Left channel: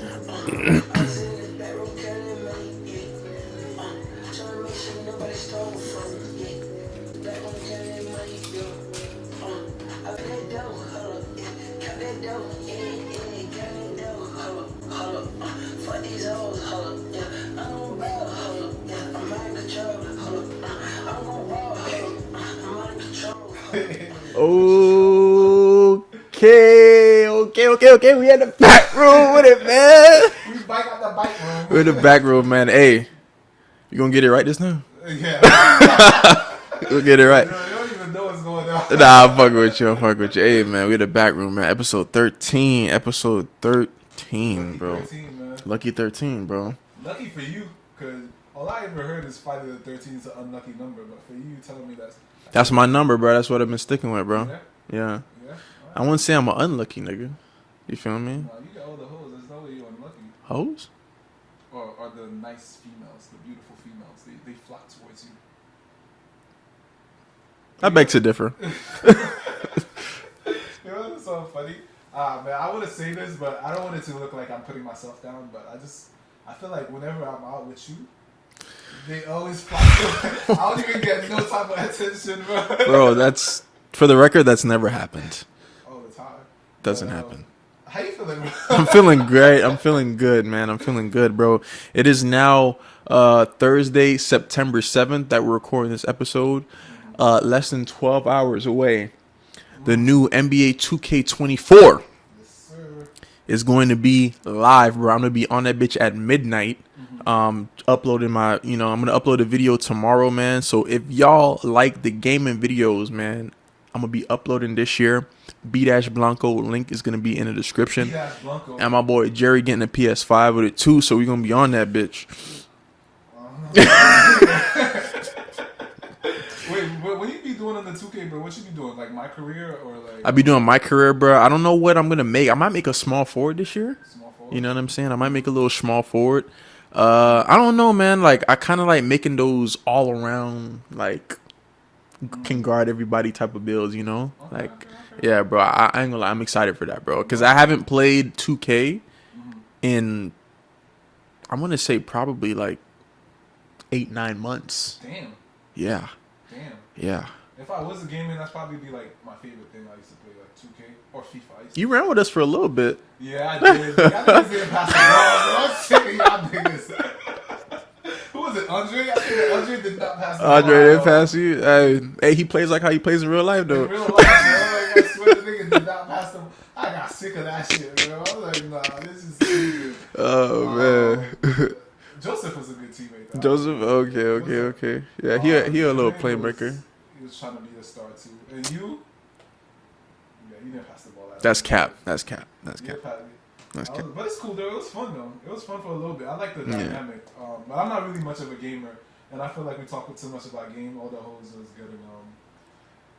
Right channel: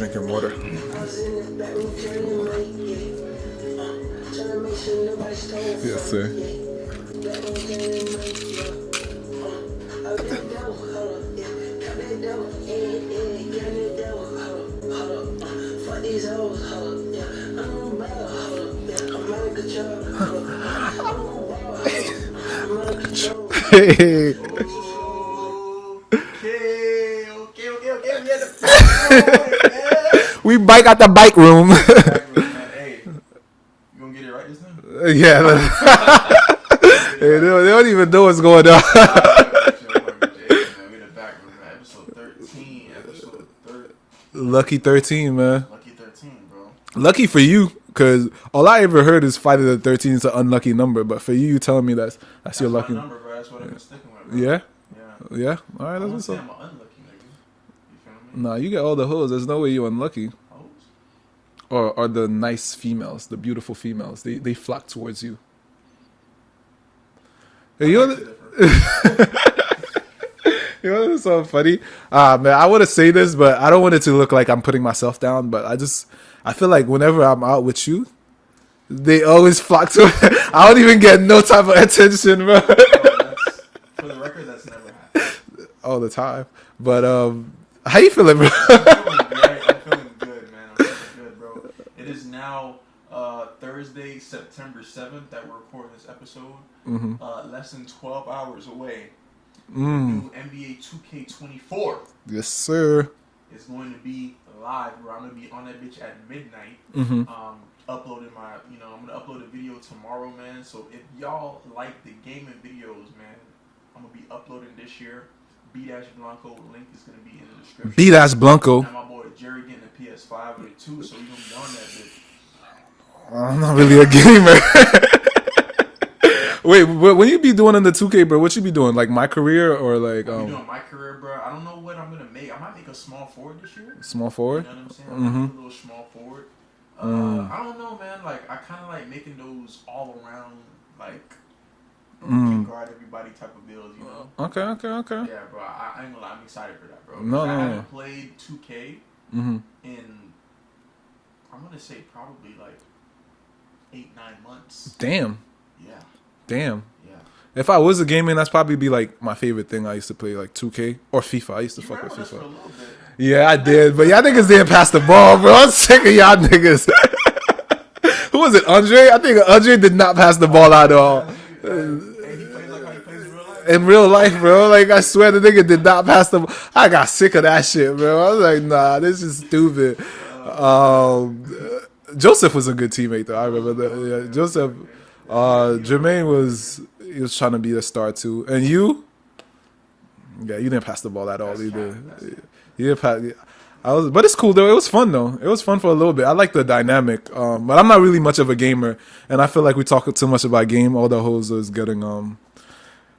drinking water. Yes, sir. Hey. Okay. We had the back room with it, man. We bike out the bike room. The back room, man. Hey, you gonna get it right this time? Yeah. You get it right. They don't even know what's going on. Nah, I'm fucking with you. Hey, man, we had the back room, man. Episode 13. Lucky bro. 13, man. Lucky 13, bro. Lucky for you, because all I ever heard is Friday the 13th is an unlucky number. But for you telling me that's my number, bro. That's what I've been sticking with, bro. Yeah? Yeah. All right, I wouldn't say I'm an unlucky nigga. You feel me? Nah, you get all the hoes. There's no way you're unlucky. Hoes? Or the nice females, the beautiful females. They flock towards you. That makes it differ. You know what's so funny? Man, I want to say this, but I don't want it to look like I'm putting myself down. But I feel like whenever I'm out with you, they always flock to it. I don't even get no type of attention, bro. Bro, that's, for the record, that's never happened. All the time. But how you feeling, bro? I'm feeling great. I'm feeling good, man. I'm feeling good, bro. It is now Thursday, September 7th that we're recording this episode. Less than 12 hours away. The new NBA 2K24 Yes, sir. is going to be live, bro. I'm going to be on that bitch at midnight. Uploading I'm going to upload a video tomorrow, man. So if y'all like the gaming videos, man, I'm going to be uploading this year. B-Blanco link is going to be in the description. B-Blanco. And my boy Jerry getting a PS5 with it too, so we're going to be on that bitch. I'm not really a gamer. Wait, when you be doing in the 2K, bro, what you be doing? Like my career or like... I be doing my career, bro. I don't know what I'm going to make. I might make a small forward this year. Small forward? You know what I'm saying? I might make a little small forward. I don't know, man. Like, I kind of like making those all around, like... can guard everybody type of builds, you know? Okay. Yeah, bro. I ain't gonna lie. I'm excited for that, bro. Because I haven't played 2K in, I'm going to say probably like 8-9 months. Damn. Yeah. If I was a gamer, that's probably be like my favorite thing. I used to play like 2K or FIFA. I used to. You ran with us for a little bit. Yeah, I did. But y'all niggas didn't pass the ball, bro. I'm sick of y'all niggas. Who was it, Andre? I think Andre did not pass the ball out at all. Pass you? Hey, he plays like how he plays in real life, though. In real life, bro. Like, I swear the nigga did not pass the ball. I got sick of that shit, bro. I was like, nah, this is stupid. Joseph was a good teammate, though. Joseph, okay. Yeah, he a Jermaine was trying to be a star, too. And you? Yeah, you didn't pass the ball at all. That's cap. You didn't pass... but it's cool though. It was fun though. It was fun for a little bit. I like the dynamic. But I'm not really much of a gamer, and I feel like we talk too much about game. All the hoes is getting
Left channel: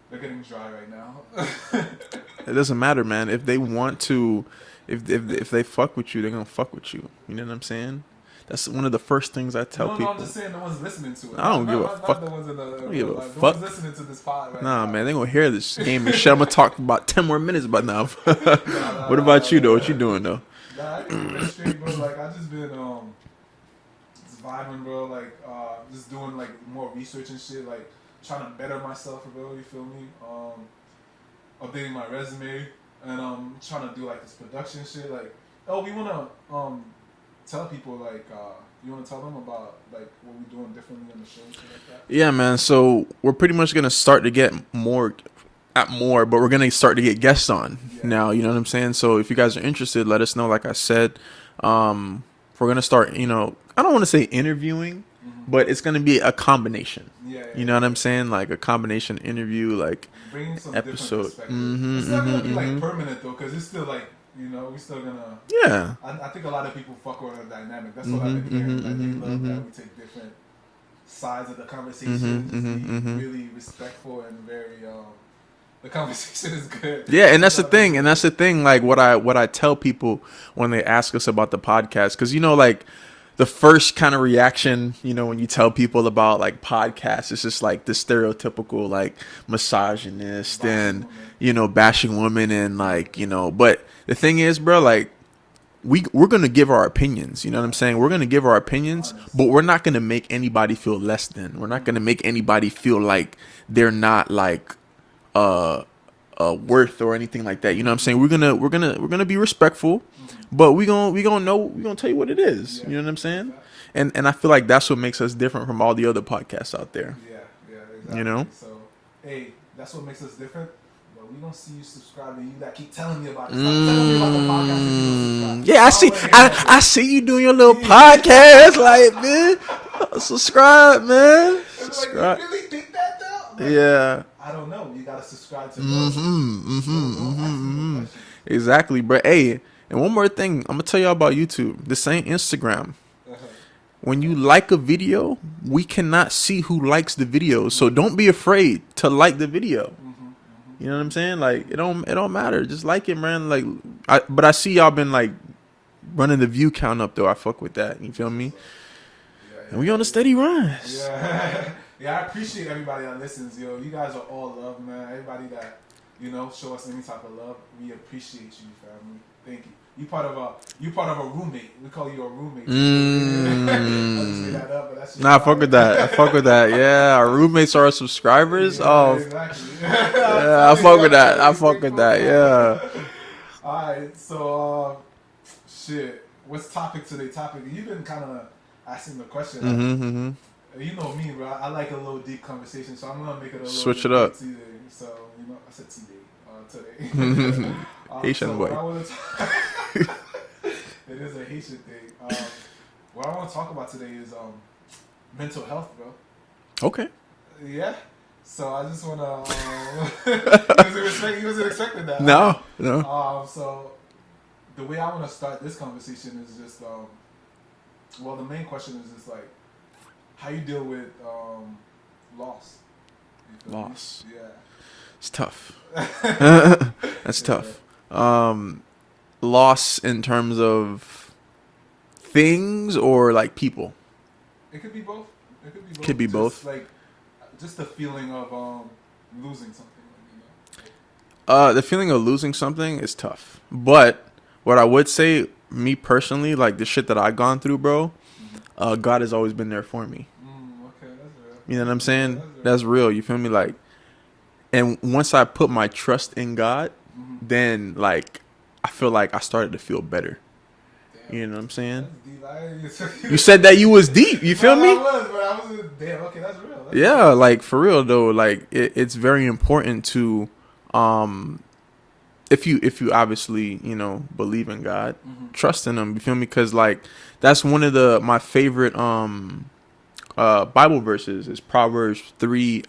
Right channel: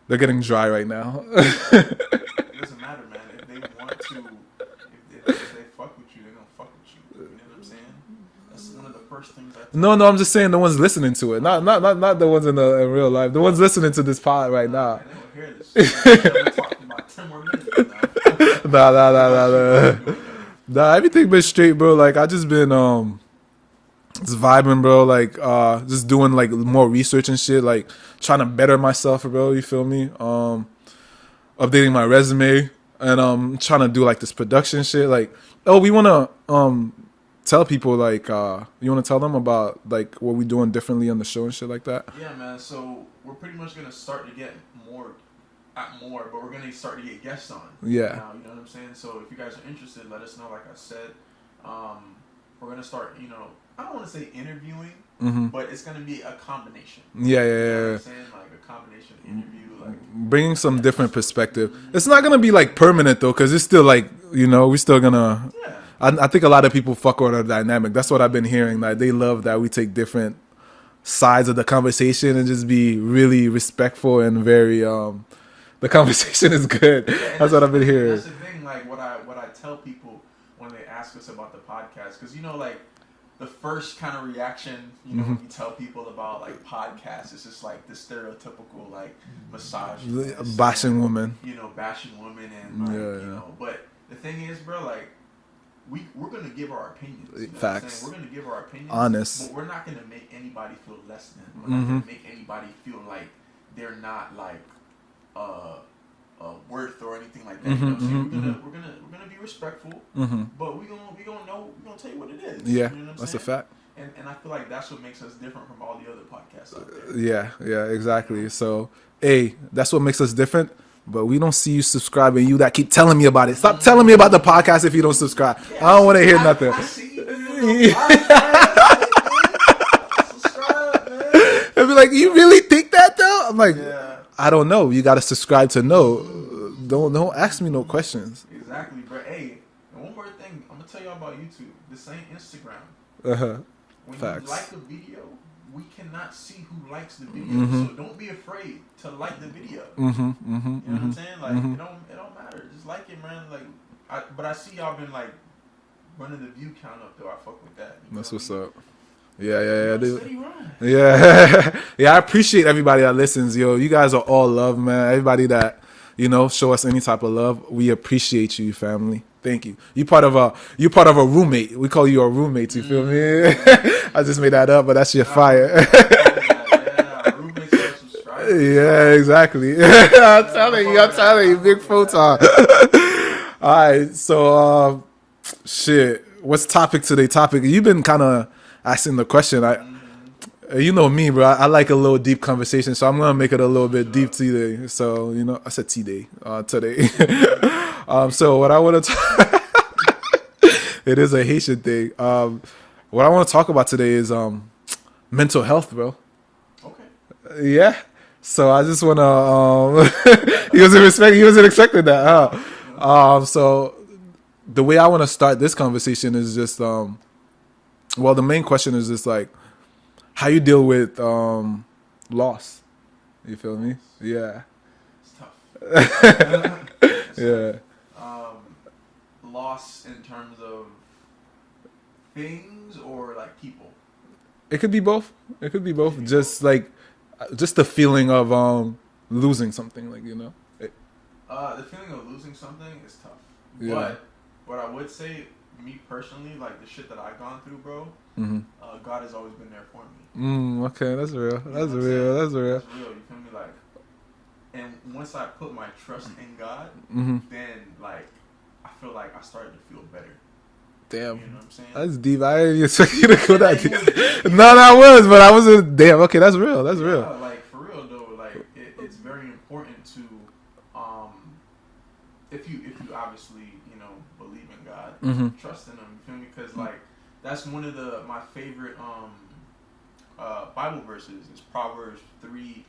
they're getting dry right now. It doesn't matter, man. If they want to, if they fuck with you, they're gonna fuck with you. You know what I'm saying? That's one of the first things I tell. No, I'm just saying the ones listening to it. Not the ones in real life. The ones listening to this pod right now. Man, they gonna hear this game. Shit, I'm gonna talk about 10 more minutes about now. What about you, though? What you doing, though? Nah, everything been straight, bro. Like, I just been just vibing, bro. Like, just doing like more research and shit. Like, trying to better myself, bro. You feel me? Updating my resume and trying to do like this production shit. Like, we wanna tell people, like, you want to tell them about like what we doing differently on the show and shit like that? Yeah, man. So we're pretty much gonna start to get more, but we're gonna start to get guests on now. You know what I'm saying? So if you guys are interested, let us know. Like I said, we're gonna start. You know, I don't want to say interviewing, but it's gonna be a combination. You know what I'm saying? Like a combination interview, like bringing some different perspective. It's not gonna be like permanent though, because it's still like, you know, we're still gonna. Yeah. I think a lot of people fuck with our dynamic. That's what I've been hearing. Like they love that we take different sides of the conversation and just be really respectful and very. The conversation is good. Yeah, and that's the thing. And that's the thing. Like what I tell people when they ask us about the podcast, because you know, like. The first kind of reaction, you know, when you tell people about like podcasts, it's just like the stereotypical like misogynist, bashing women, you know, bashing women and like, you know, but the thing is, bro, like we're gonna give our opinions. You know what I'm saying? We're gonna give our opinions, honest, but we're not gonna make anybody feel less than. We're not gonna make anybody feel like they're not like worth or anything like that. You know what I'm saying? We're gonna be respectful, but we gonna tell you what it is. Yeah, you know what I'm saying? That's a fact. And I feel like that's what makes us different from all the other podcasts out there. Yeah, exactly. You know? So, hey, that's what makes us different. But we don't see you subscribing. You that keep telling me about it. Stop telling me about the podcast if you don't subscribe. Yeah, I don't want to hear nothing. I see you doing your little podcast, like, man. Subscribe, man. And be like, you really think that though? I'm like, yeah, I don't know. You got to subscribe to know. Don't ask me no questions. Exactly, bro. Hey, and one more thing, I'm gonna tell y'all about YouTube. This ain't Instagram. When you like a video, we cannot see who likes the video. So don't be afraid to like the video. You know what I'm saying? Like it don't matter. Just like it, man. Like but I see y'all been like running the view count up though. I fuck with that. You feel me? Yeah. We on a steady run. Yeah. I appreciate everybody that listens, yo. You guys are all love, man. Everybody that, show us any type of love. We appreciate you, family. Thank you. You part of a roommate. We call you a roommate. You feel me? I just made that up, but that's your fire. I fuck with that. Yeah, our roommates are our subscribers. Yeah, exactly. I fuck with that. Yeah. All right, so shit. What's topic today? You've been kind of asking the question. You know me, bro. I like a little deep conversation, so I'm gonna make it a little bit deep today. So I said today. So what I want to it is a Haitian thing. What I want to talk about today is mental health, bro. Okay. Yeah. So I just want to. He wasn't expecting that. No. So the way I want to start this conversation is just the main question is just like, how you deal with loss? You feel me? Yeah, it's tough. That's tough. Loss in terms of things or like people. It could be both. Both. Like just the feeling of losing something, The feeling of losing something is tough. Yeah. But what I would say, me personally, like the shit that I've gone through, bro. God has always been there for me. Okay, that's real. You know what I'm saying? That's real. You feel me? Like, and once I put my trust in God, then like I feel like I started to feel better. Damn, you know what I'm saying? That's deep. I didn't expect you to said that you was deep. You know I was, but I wasn't. Damn. Okay, that's real. That's real. Like for real though. Like it's very important to, if you obviously believe in God, trust in Him. You feel me? Because like. That's one of my favorite Bible verses is Proverbs 3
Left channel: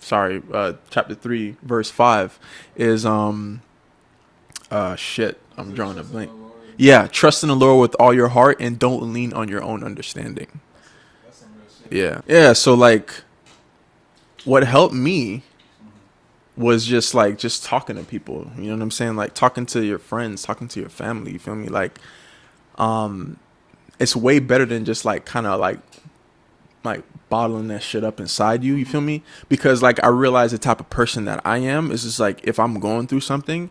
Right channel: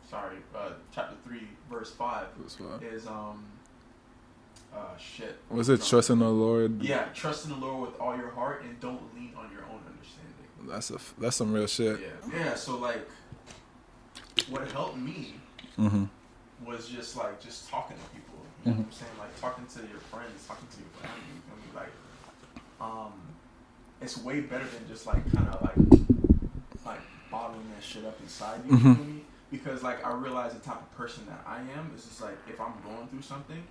chapter 3 verse 5 is shit. Was it trust in the Lord? Yeah, trust in the Lord with all your heart and don't lean on your own understanding. That's some real shit. Yeah, so like what helped me was just talking to people, you know what I'm saying? Like talking to your friends, talking to your family, you feel me? Like it's way better than just like kind of like bottling that shit up inside you. You feel me? Because like I realize the type of person that I am is just like if I'm going through something,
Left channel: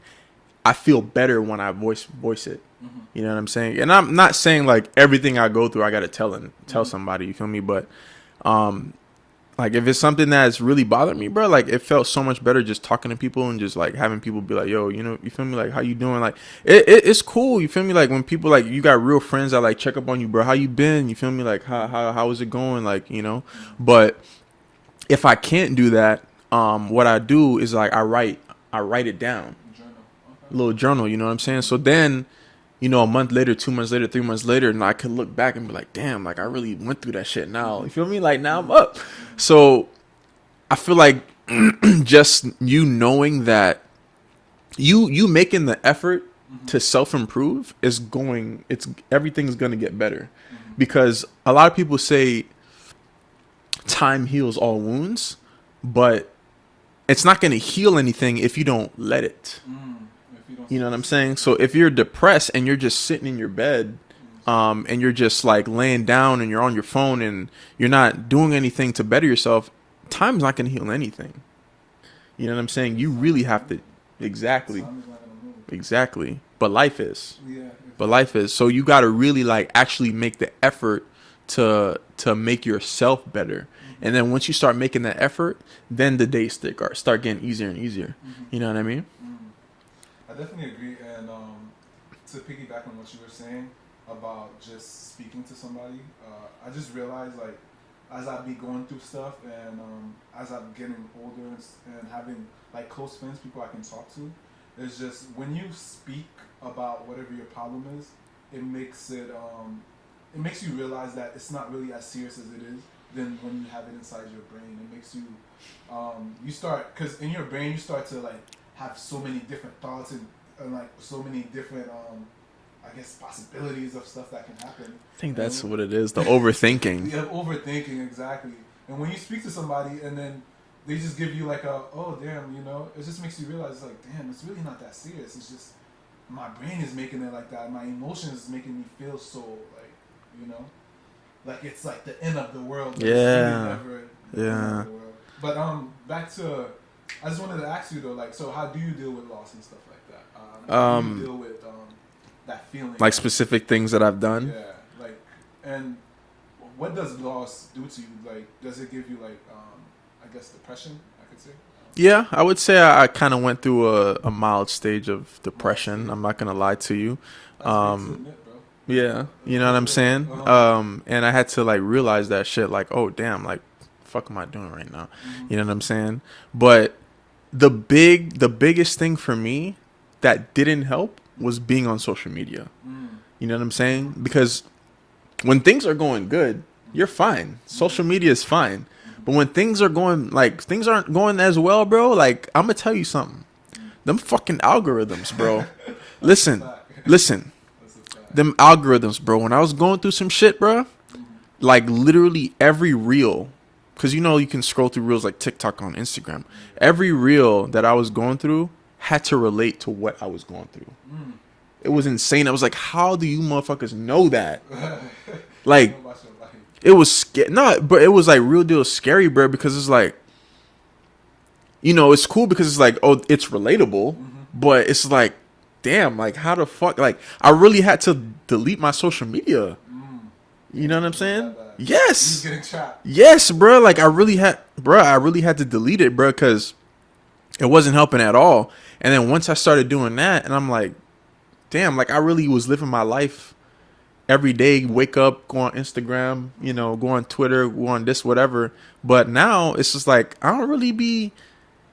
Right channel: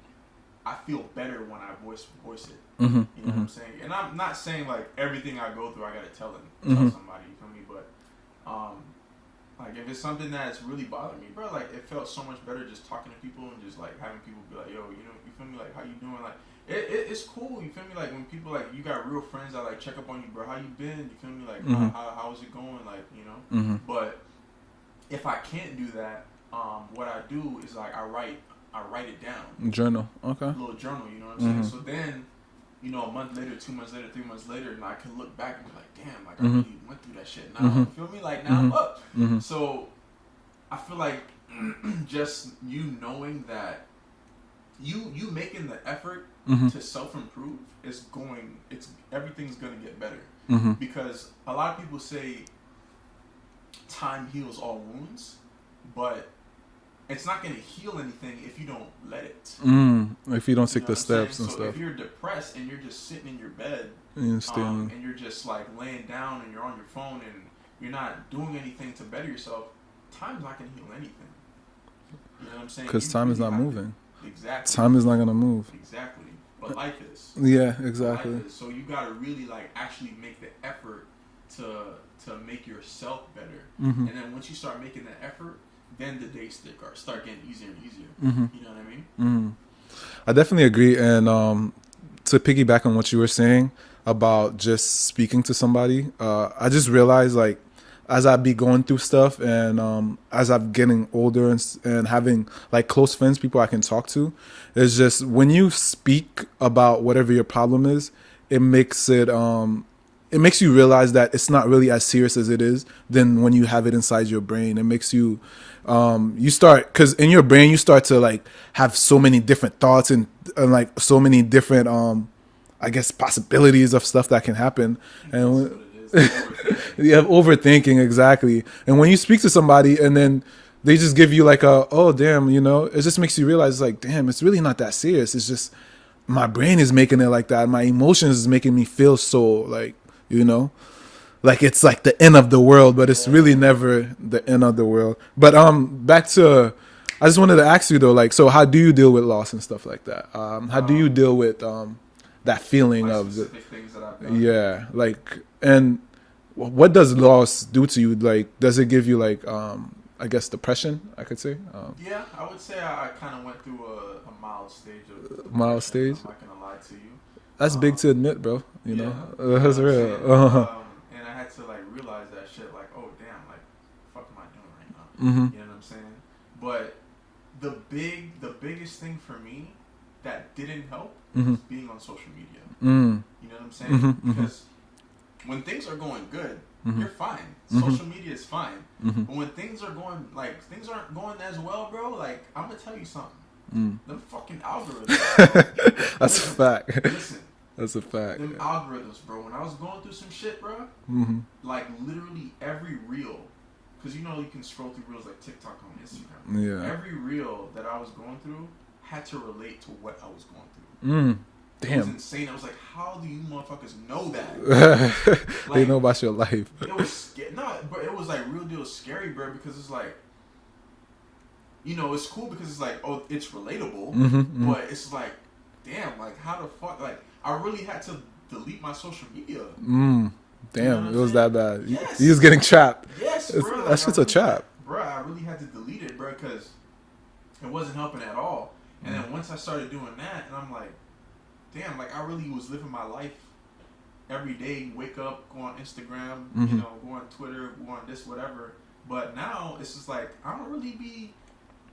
I feel better when I voice it. You know what I'm saying? And I'm not saying like everything I go through I gotta tell somebody. You feel me? But like if it's something that's really bothered me, bro, like it felt so much better just talking to people and just like having people be like, yo, you feel me? Like how you doing? Like it's cool. You feel me? Like when people like you got real friends that like check up on you, bro. How you been? You feel me? Like how is it going? Like But if I can't do that, what I do is like I write it down. Journal. Okay. A little journal. You know what I'm saying? So then. A month later, 2 months later, 3 months later, and I could look back and be like, damn, like I really went through that shit now. You feel me? Like now I'm up. So I feel like just you knowing that you making the effort to self-improve everything's going to get better. Because a lot of people say time heals all wounds, but it's not going to heal anything if you don't let it. If you don't, you know what I'm saying? So if you're depressed and you're just sitting in your bed, and you're just like laying down and you're on your phone and you're not doing anything to better yourself, time's not going to heal anything. You know what I'm saying? You really have to. Exactly. Time is not gonna move. Exactly. But life is. Yeah, exactly. But life is. So you got to really like actually make the effort to make yourself better. Mm-hmm. And then once you start making that effort, then the days start getting easier and easier. Mm-hmm. You know what I mean? Mm-hmm. I definitely agree. And to piggyback on what you were saying about just speaking to somebody, I just realized, like, as I be going through stuff and as I'm getting older and having like close friends, people I can talk to, it's just when you speak about whatever your problem is, it makes you realize that it's not really as serious as it is than when you have it inside your brain. It makes you you start, because in your brain you start to like have so many different thoughts and like so many different I guess possibilities of stuff that can happen. I think that's what it is, the overthinking. Yeah, overthinking, exactly. And when you speak to somebody and then they just give you like oh damn, you know, it just makes you realize, like, damn, it's really not that serious. It's just my brain is making it like that. My emotions is making me feel so, like, you know, like it's like the end of the world, but it's really never the end of the world. But back to, I just wanted to ask you though, like, so how do you deal with loss and stuff like that? How do you deal with that feeling, like specific things that I've done? Yeah, like, and what does loss do to you? Like, does it give you like I guess depression, I could say? Yeah, I would say I kind of went through a mild stage of depression. I'm not gonna lie to you. That's big to admit, bro. You know what I'm saying? And I had to like realize that shit, like, oh damn, like, fuck am I doing right now? Mm-hmm. You know what I'm saying? But the biggest thing for me that didn't help was being on social media. You know what I'm saying? Mm-hmm. Because when things are going good, you're fine. Social media is fine. But when things are going, like, things aren't going as well, bro, like, I'm gonna tell you something. Them fucking algorithms, bro. Listen. That's a fact. Them algorithms, bro. When I was going through some shit, bro, like literally every reel, because you know you can scroll through reels like TikTok on Instagram. Yeah. Every reel that I was going through had to relate to what I was going through. It was insane. I was like, how do you motherfuckers know that? Like, they know about your life. It was but it was like real deal scary, bro, because it's like, you know, it's cool because it's like, oh, it's relatable, but it's like, damn, like, how the fuck, like, I really had to delete my social media. Damn, you know what I'm saying? Was that bad? Yes. You was getting trapped. Yes, bro. Like, I really had to delete it, bro, because it wasn't helping at all. And then once I started doing that, and I'm like, damn, like, I really was living my life every day, wake up, go on Instagram, you know, go on Twitter, go on this, whatever. But now it's just like, I don't really be,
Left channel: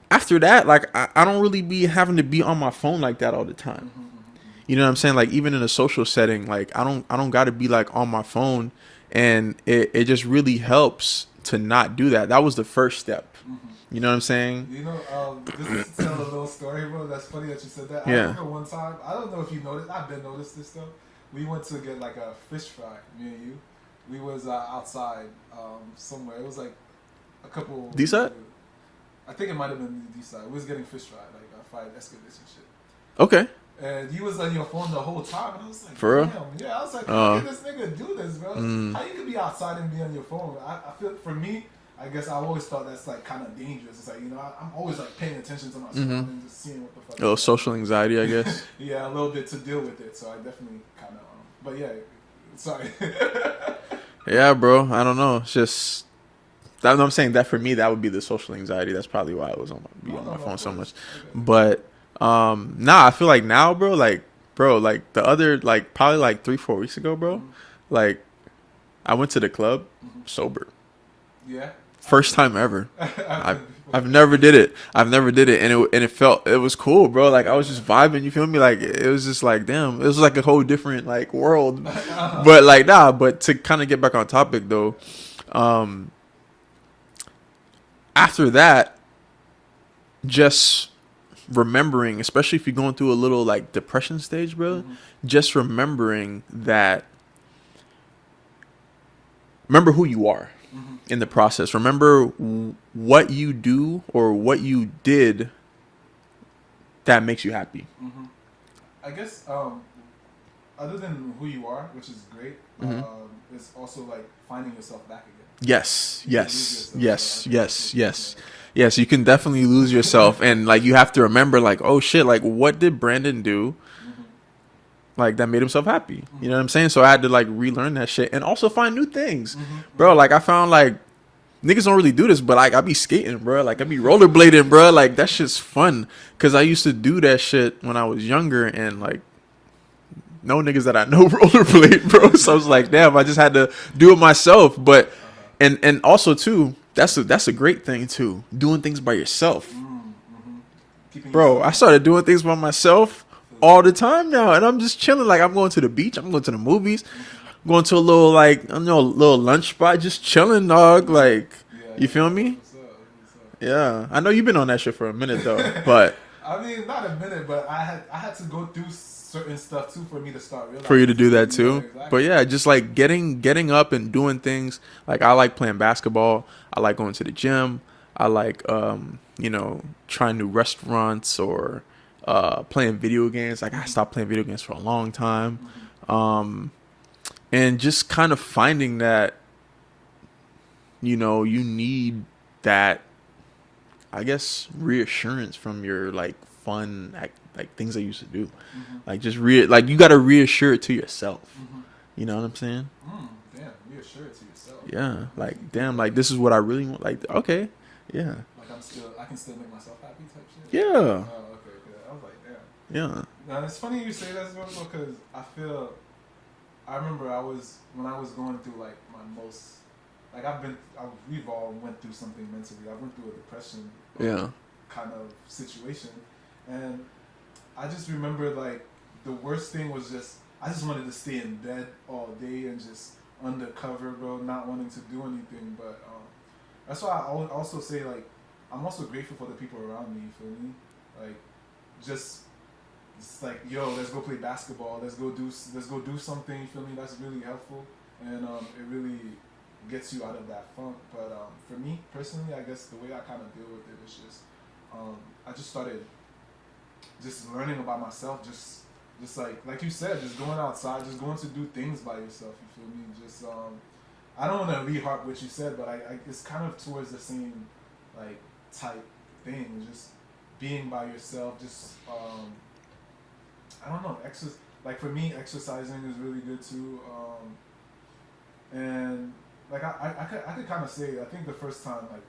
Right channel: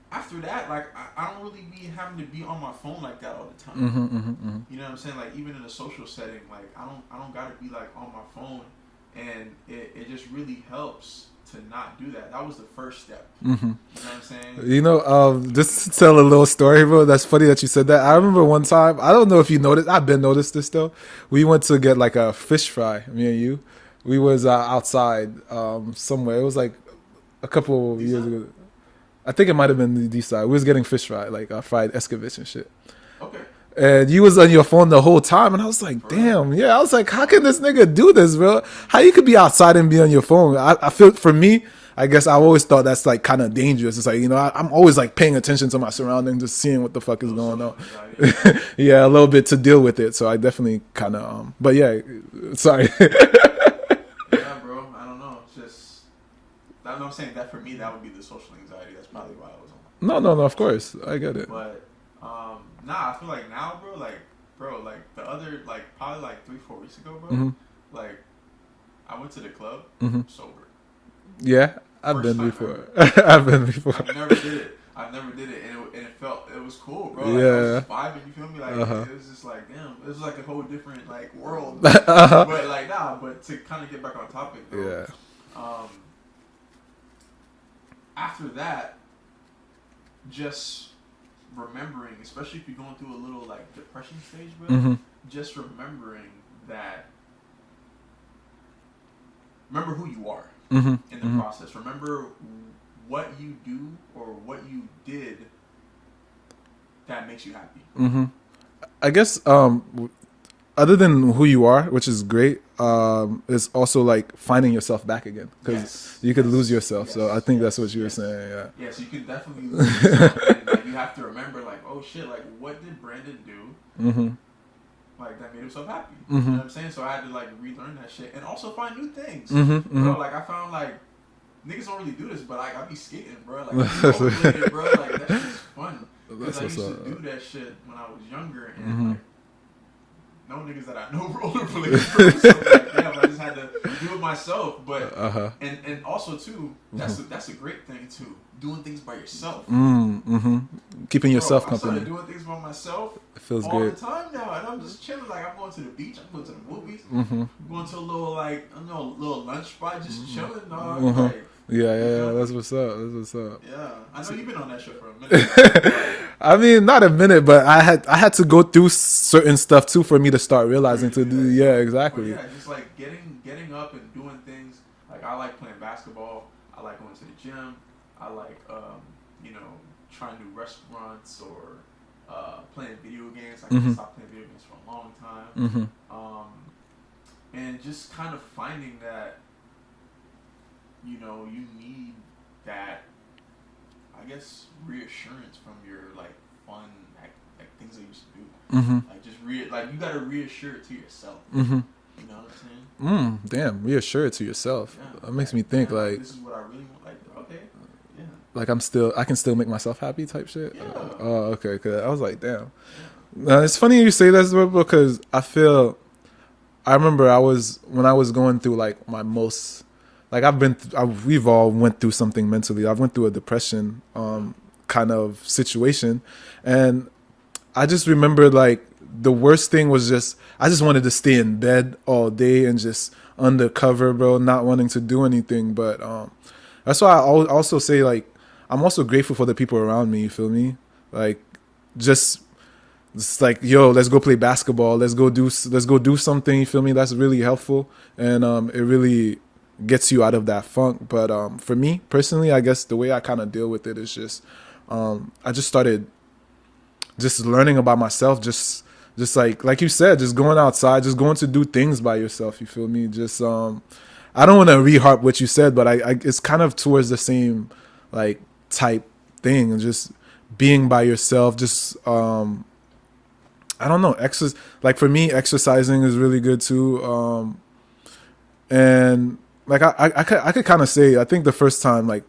after that, like, I don't really be having to be on my phone like that all the time. You know what I'm saying? Like, even in a social setting, like, I don't got to be like on my phone, and it just really helps to not do that. That was the first step. You know what I'm saying? You know, just to tell a little story, bro. That's funny that you said that. I remember one time, I don't know if you noticed, I've been noticed this though. We went to get like a fish fry, me and you. We was outside somewhere. It was like a couple. I think it might have been the D side. We was getting fish fry, like fried escovitch and shit. Okay. And you was on your phone the whole time, and I was like, damn, yeah. I was like, how can this nigga do this, bro? How you could be outside and be on your phone? I feel, for me, I guess I always thought that's like kind of dangerous. It's like, you know, I'm always like paying attention to my surroundings, just seeing what the fuck is going on. Social anxiety, I guess. Yeah, a little bit to deal with it. So I definitely kind of, but yeah, sorry. Yeah, bro. I don't know. It's just, that's what I'm saying. That for me, that would be the social anxiety. That's probably why I was on my No, phone of course. so much. I get it. But nah, I feel like now, bro, like the other, like, probably like 3-4 weeks ago, bro, like, I went to the club sober. Yeah. First time ever. I've been before. I've never did it. And it was cool, bro. Like, I was just vibing, you feel me? Like, it was just like, damn, it was like a whole different like world. But like, nah, but to kind of get back on topic though, after that, just remembering, especially if you're going through a little like depression stage, bro, just remembering that, remember who you are in the process. Remember what you do or what you did that makes you happy. I guess other than who you are, which is great, is also like finding yourself back again. Yes. You could lose yourself. Yes. So I think that's what you're saying. Yeah. Yes, you can definitely lose yourself. And like you have to remember like, oh shit, like what did Brandon do? Like that made himself happy. You know what I'm saying? So I had to like relearn that shit and also find new things. Bro, like I found like niggas don't really do this, but like I be skating, bro. Like I be rollerblading, bro. Like that shit's fun. Cause I used to do that shit when I was younger and like no niggas that I know rollerblade, bro. So I was like, damn, I just had to do it myself. But and also too, that's a great thing too. Doing things by yourself. Keeping yourself. Bro, I started doing things by myself all the time now, and I'm just chilling. Like I'm going to the beach, I'm going to the movies, going to a little like little lunch spot, just chilling, dog. Like you feel me? That's what's up. Yeah, I know you've been on that shit for a minute though, but I mean, not a minute, but I had to go through certain stuff too for me to start realizing. For you to do that too, yeah, exactly. But yeah, just like getting up and doing things. Like I like playing basketball. I like going to the gym. I like trying new restaurants or playing video games. Like I stopped playing video games for a long time. And just kind of finding that you need that, I guess, reassurance from your like fun like things I used to do. Like just like you got to reassure it to yourself. You know what I'm saying? Damn, reassure it to yourself. Yeah, that makes like, me think damn, like this is what I really want. Like okay. Yeah, like I can still make myself happy type shit. Yeah. Oh, okay. Cause I was like, damn. Yeah. It's funny you say that because I remember when I was going through like my most, like we've all went through something mentally. I went through a depression kind of situation, and I just remember like the worst thing was I just wanted to stay in bed all day and just undercover, bro, not wanting to do anything, but that's why I also say, like, I'm also grateful for the people around me, you feel me? Like, just like, yo, let's go play basketball. Let's go do something, you feel me? That's really helpful. And it really gets you out of that funk. But for me, personally, I guess the way I kind of deal with it is just, I just started just learning about myself, just like you said, just going outside, just going to do things by yourself, you feel me? Just, I don't want to re-harp what you said, but I it's kind of towards the same like type thing, and just being by yourself. Just I don't know, like for me, exercising is really good too. And like I could kind of say, I think the first time like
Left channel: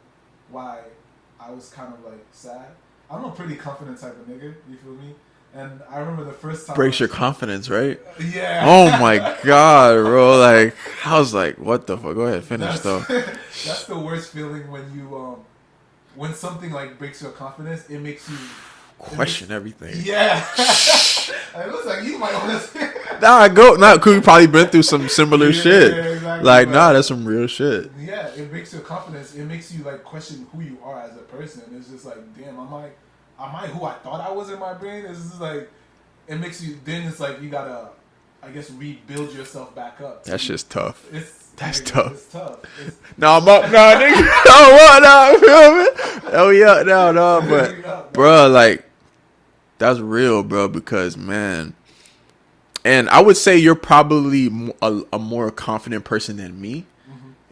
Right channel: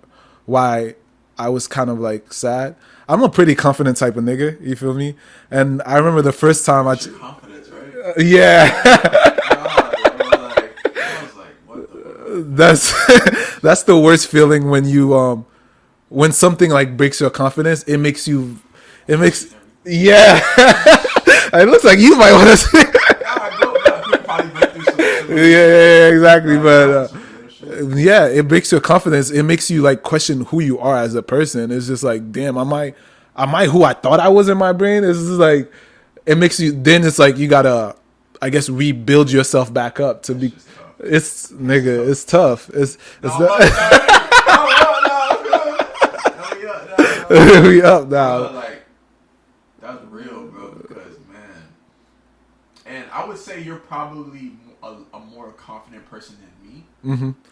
why I was kind of like sad. I'm a pretty confident type of nigga, you feel me? And I remember the first time breaks your confidence, right? Yeah. Oh my god, bro! Like I was like, what the fuck? Go ahead. Finish, that's the worst feeling when you when something like breaks your confidence. It makes question everything. Yeah. It looks like you might want to say. Could we probably been through some similar shit? Yeah, exactly. Like, that's some real shit. Yeah, it breaks your confidence. It makes you like question who you are as a person. It's just like, damn, am I who I thought I was in my brain? It's just like, it makes you. Then it's like you gotta, I guess, rebuild yourself back up. That's just tough. It's tough. It's no, bro. Like that's real, bro. Because man. And I would say you're probably a more confident person than me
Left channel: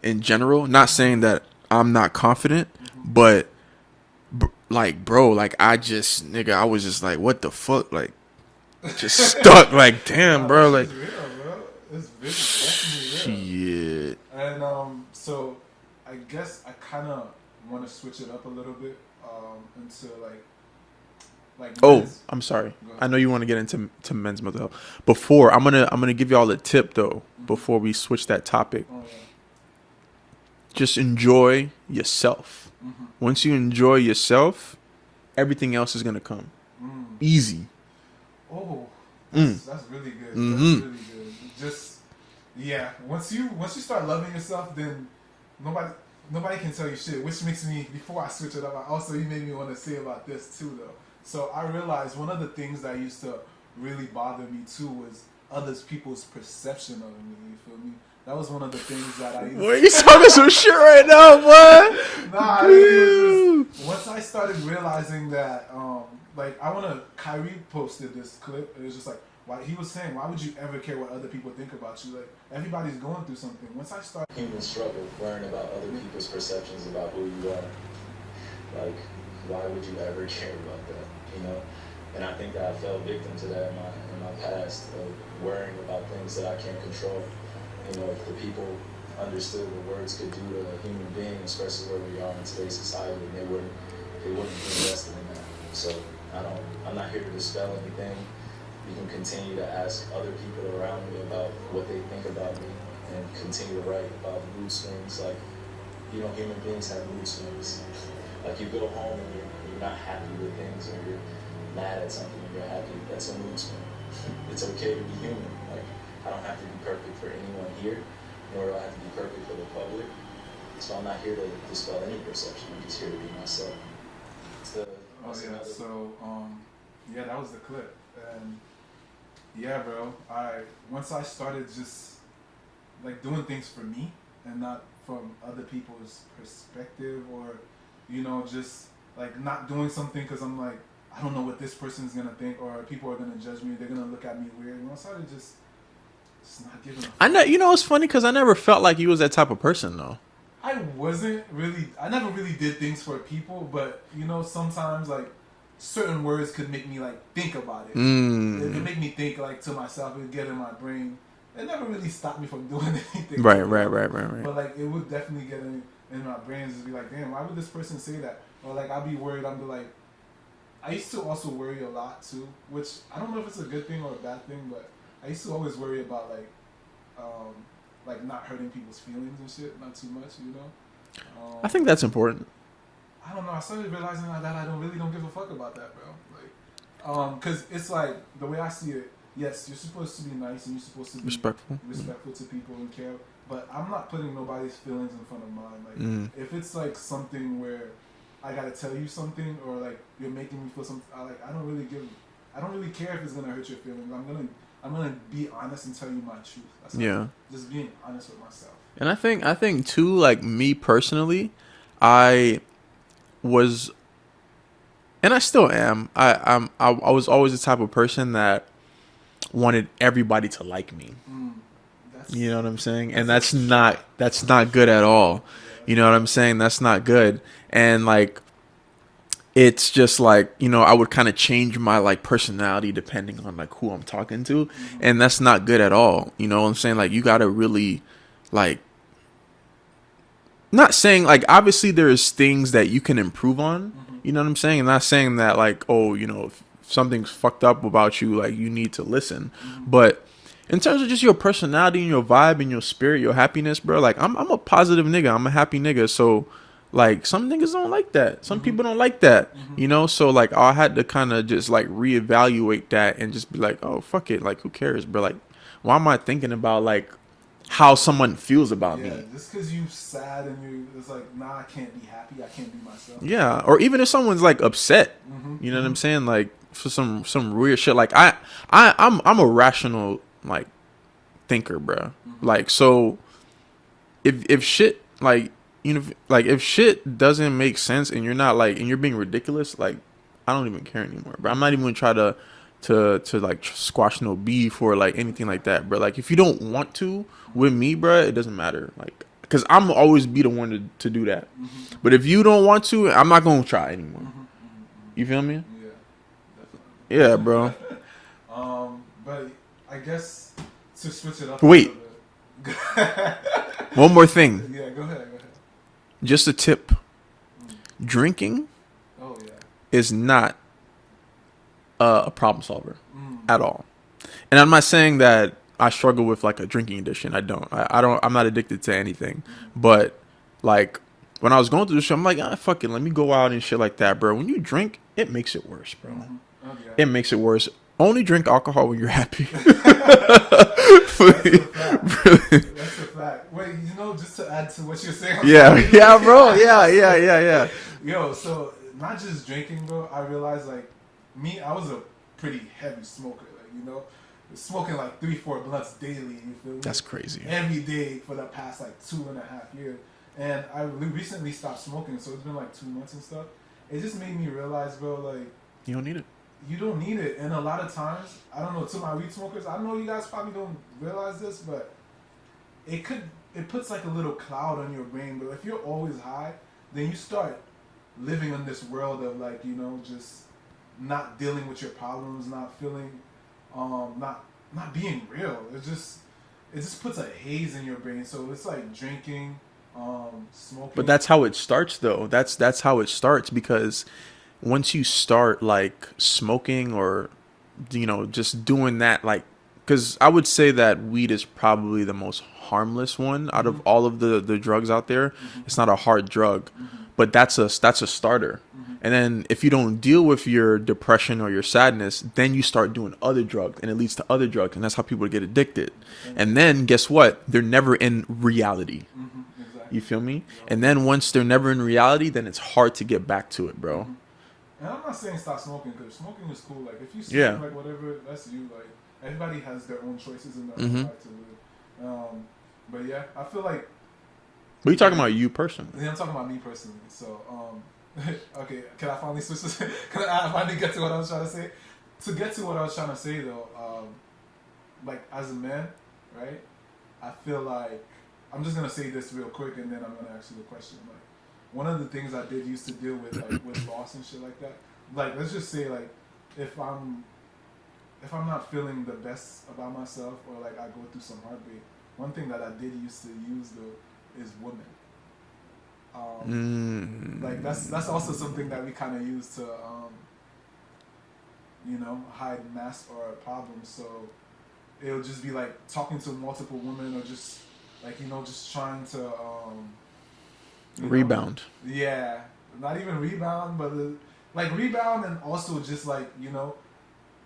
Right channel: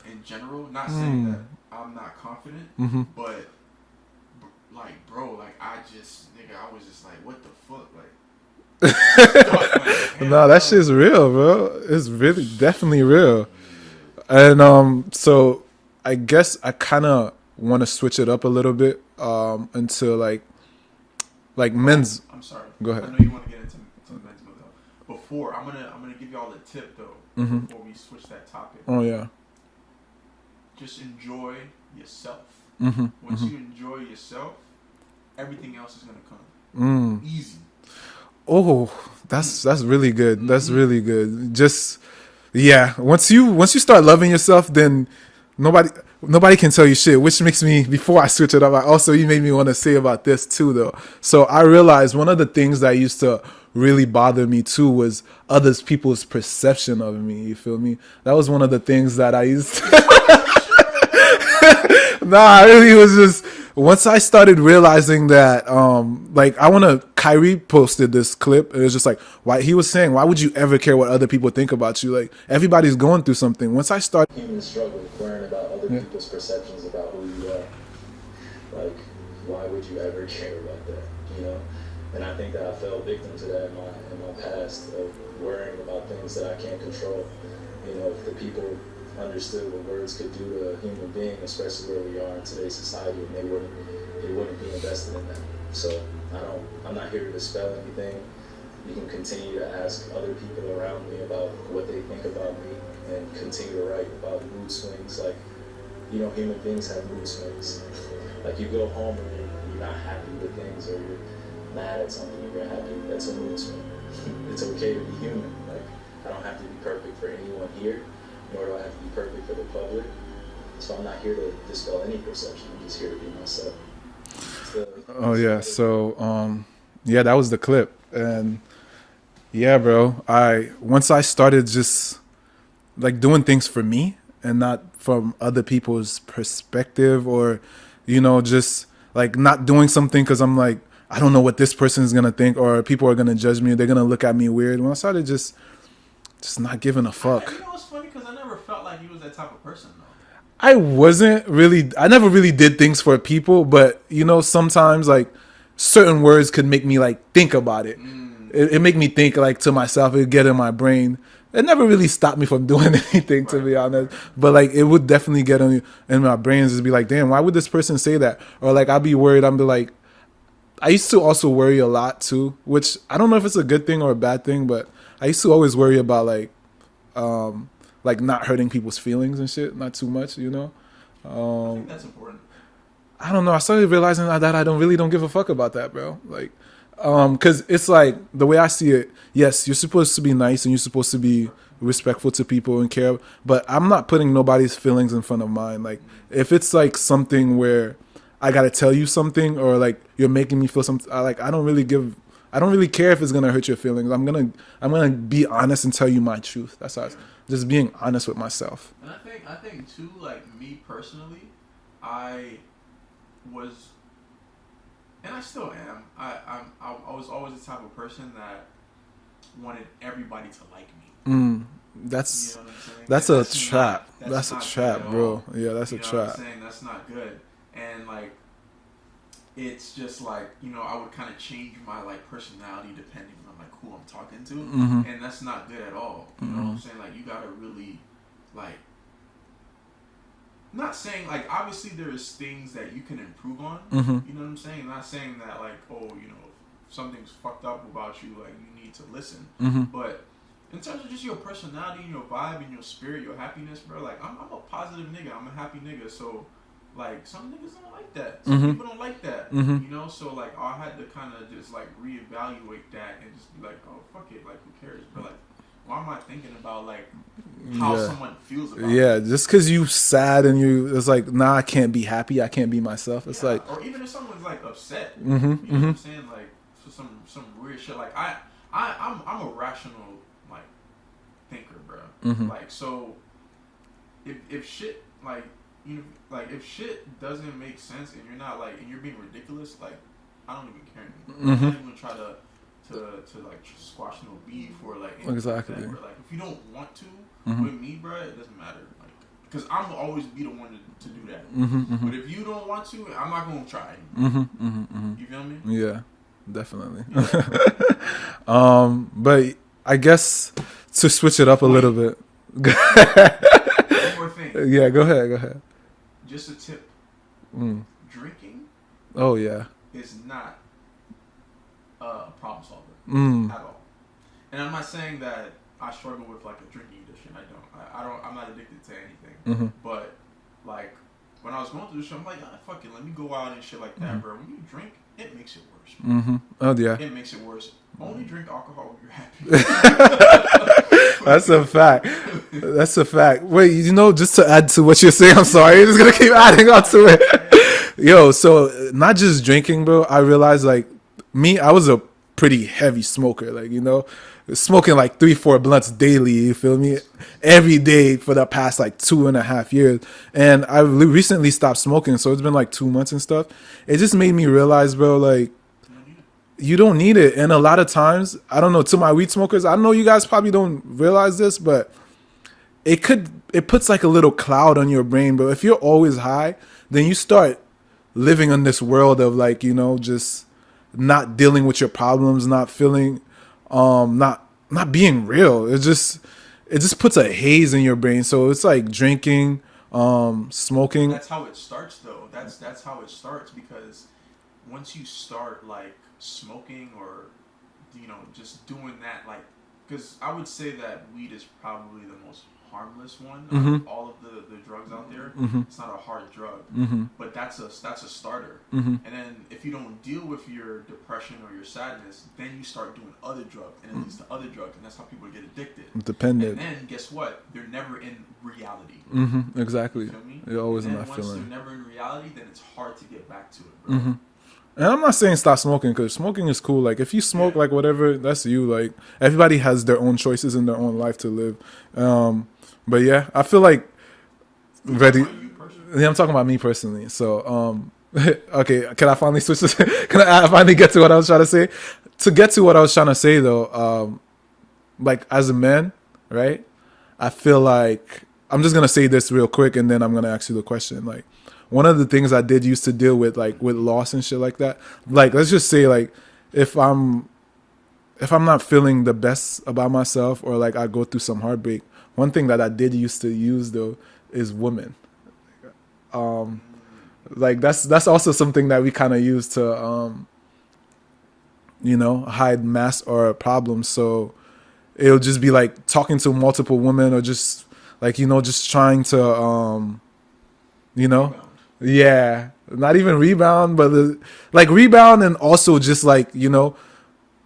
in general. Not saying that I'm not confident, but like, bro, like I was just like, what the fuck? Like, just stuck. Like, damn, no, that shit's like, real, bro. It's really definitely real. Yeah. And so I guess I kind of want to switch it up a little bit into like men's. I'm sorry. Go ahead. I know you want to get into men's mental health. Before I'm gonna give y'all a tip though. Before we switch that topic. Oh yeah. Just enjoy yourself. Once you enjoy yourself, everything else is gonna come easy. Oh, that's really good. That's really good. Just once you start loving yourself, then nobody can tell you shit, which makes me, before I switch it up, you made me want to say about this too, though. So I realized one of the things that used to really bother me too was others people's perception of me. You feel me? That was one of the things that I used to. You talking some shit right now, bro. Nah, it really was just once I started realizing that, like Kyrie posted this clip. It was just like, why he was saying, why would you ever care what other people think about you? Like everybody's going through something. Once I started human struggle, worrying about other people's perceptions about who you are. Like, why would you ever care about that? You know? And I think that I fell victim to that in my past of worrying about things that I can't control. You know, if the people understood what words could do to a human being, especially where we are in today's society, and they wouldn't be invested in that. So I'm not here to dispel anything. You can continue to ask other people around me about what they think about me and continue to write about mood swings. Like, you know, human beings have mood swings. Like you go home and you're not happy with things, or you're mad at something and you're happy. That's a mood swing. It's okay to be human. Like, I don't have to be perfect for anyone here, nor do I have to be perfect for the public. So I'm not here to dispel any perception. I'm just here to be myself. Oh yeah, so yeah, that was the clip. And yeah, bro, once I started just like doing things for me and not from other people's perspective, or you know, just like not doing something because I'm like, I don't know what this person is gonna think, or people are gonna judge me, or they're gonna look at me weird. When I started just not giving a fuck. You know, it's funny because I never felt like you was that type of person though. I never really did things for people, but you know, sometimes like certain words could make me like think about it. It make me think like to myself. It get in my brain. It never really stopped me from doing anything. Right. But like it would definitely get in my brain and just be like, damn, why would this person say that? Or like I'd be worried. I'm like, I used to also worry a lot too, which I don't know if it's a good thing or a bad thing, but I used to always worry about like not hurting people's feelings and shit, not too much, you know. I think that's important. I don't know. I started realizing that I don't give a fuck about that, bro. Like, because it's like the way I see it. Yes, you're supposed to be nice and you're supposed to be respectful to people and care, but I'm not putting nobody's feelings in front of mine. Like, if it's like something where I gotta tell you something, or like you're making me feel something, I don't really care if it's gonna hurt your feelings. I'm gonna be honest and tell you my truth. That's how just being honest with myself. And I think too, like me personally, I was, and I still am. I was always the type of person that wanted everybody to like me. That's, you know what I'm saying. That's not good at all. Yeah, you know what I'm saying. That's not good. And like, it's just like, you know, I would kind of change my like personality depending on like who I'm talking to, and that's not good at all. You know what I'm saying? Like, you gotta really like. Not saying like, obviously there's things that you can improve on. You know what I'm saying? I'm not saying that like, oh, you know, if something's fucked up about you, like you need to listen. But in terms of just your personality and your vibe and your spirit, your happiness, bro, like I'm a positive nigga. I'm a happy nigga. So like some niggas don't like that. Some people don't like that. You know? So like I had to kind of just like reevaluate that and just be like, oh, fuck it. Like, who cares, bro? Like, why am I thinking about like how someone feels about me? Just because you sad and it's like, nah, I can't be happy. I can't be myself. It's like, or even if someone's like upset, you know what I'm saying? Like for some weird shit. Like I'm a rational like thinker, bro. Like, so if shit like, you know, like if shit doesn't make sense and you're not like, and you're being ridiculous, like I don't even care anymore, bro. I'm not even gonna try to like squash no beef or like anything like that, bro. Like if you don't want to with me, bro, it doesn't matter. Like, because I'm always be the one to do that. But if you don't want to, I'm not gonna try anymore. You feel me? Yeah, definitely. Yeah, bro. But I guess to switch it up a little bit. One more thing. Yeah, go ahead. Just a tip. Drinking. Oh yeah. Is not a problem solver at all. And I'm not saying that I struggle with like a drinking addiction. I don't. I'm not addicted to anything. But like when I was going through this shit, I'm like, fuck it, let me go out and shit like that, bro. When you drink, it makes it worse, bro. Oh yeah. It makes it worse. Only drink alcohol when you're happy. That's a fact. That's a fact. Wait, you know, just to add to what you're saying, I'm sorry. Yo, so not just drinking, bro. I realized like I was a pretty heavy smoker, like, you know, smoking like 3-4 blunts daily. You feel me? That's crazy. Every day for the past like 2.5 years. And I recently stopped smoking, so it's been like 2 months and stuff. It just made me realize, bro, like, you don't need it. You don't need it. And a lot of times, I don't know, to my weed smokers, I know you guys probably don't realize this, but it puts like a little cloud on your brain. But if you're always high, then you start living in this world of like, you know, just not dealing with your problems, not feeling, not being real. It just puts a haze in your brain. So it's like drinking, smoking. But that's how it starts, though. That's how it starts, because once you start like smoking or, you know, just doing that, like, because I would say that weed is probably the most harmless one out of all of the drugs out there. It's not a hard drug, but that's a starter. And then if you don't deal with your depression or your sadness, then you start doing other drugs, and it leads to other drugs, and that's how people get addicted. Dependent. And then guess what? They're never in reality. Exactly. You feel me? And then once they're never in reality, then it's hard to get back to it, bro. And I'm not saying stop smoking, because smoking is cool. Like, if you smoke, like, whatever, that's you. Like, everybody has their own choices in their own life to live. But yeah, I feel like. But you're talking about you personally. Yeah, I'm talking about me personally. So, okay, can I finally switch this? Can I finally get to what I was trying to say? To get to what I was trying to say, though, like, as a man, right? I feel like, I'm just going to say this real quick, and then I'm going to ask you the question. Like, one of the things I did used to deal with, like, with loss and shit like that, like, let's just say, like, if I'm not feeling the best about myself, or like I go through some heartbreak, one thing that I did used to use, though, is women. Like, that's also something that we kind of use to, you know, hide mask or problems. So it'll just be like talking to multiple women, or just like, you know, just trying to, you know, rebound. Yeah, not even rebound, but like rebound, and also just like, you know,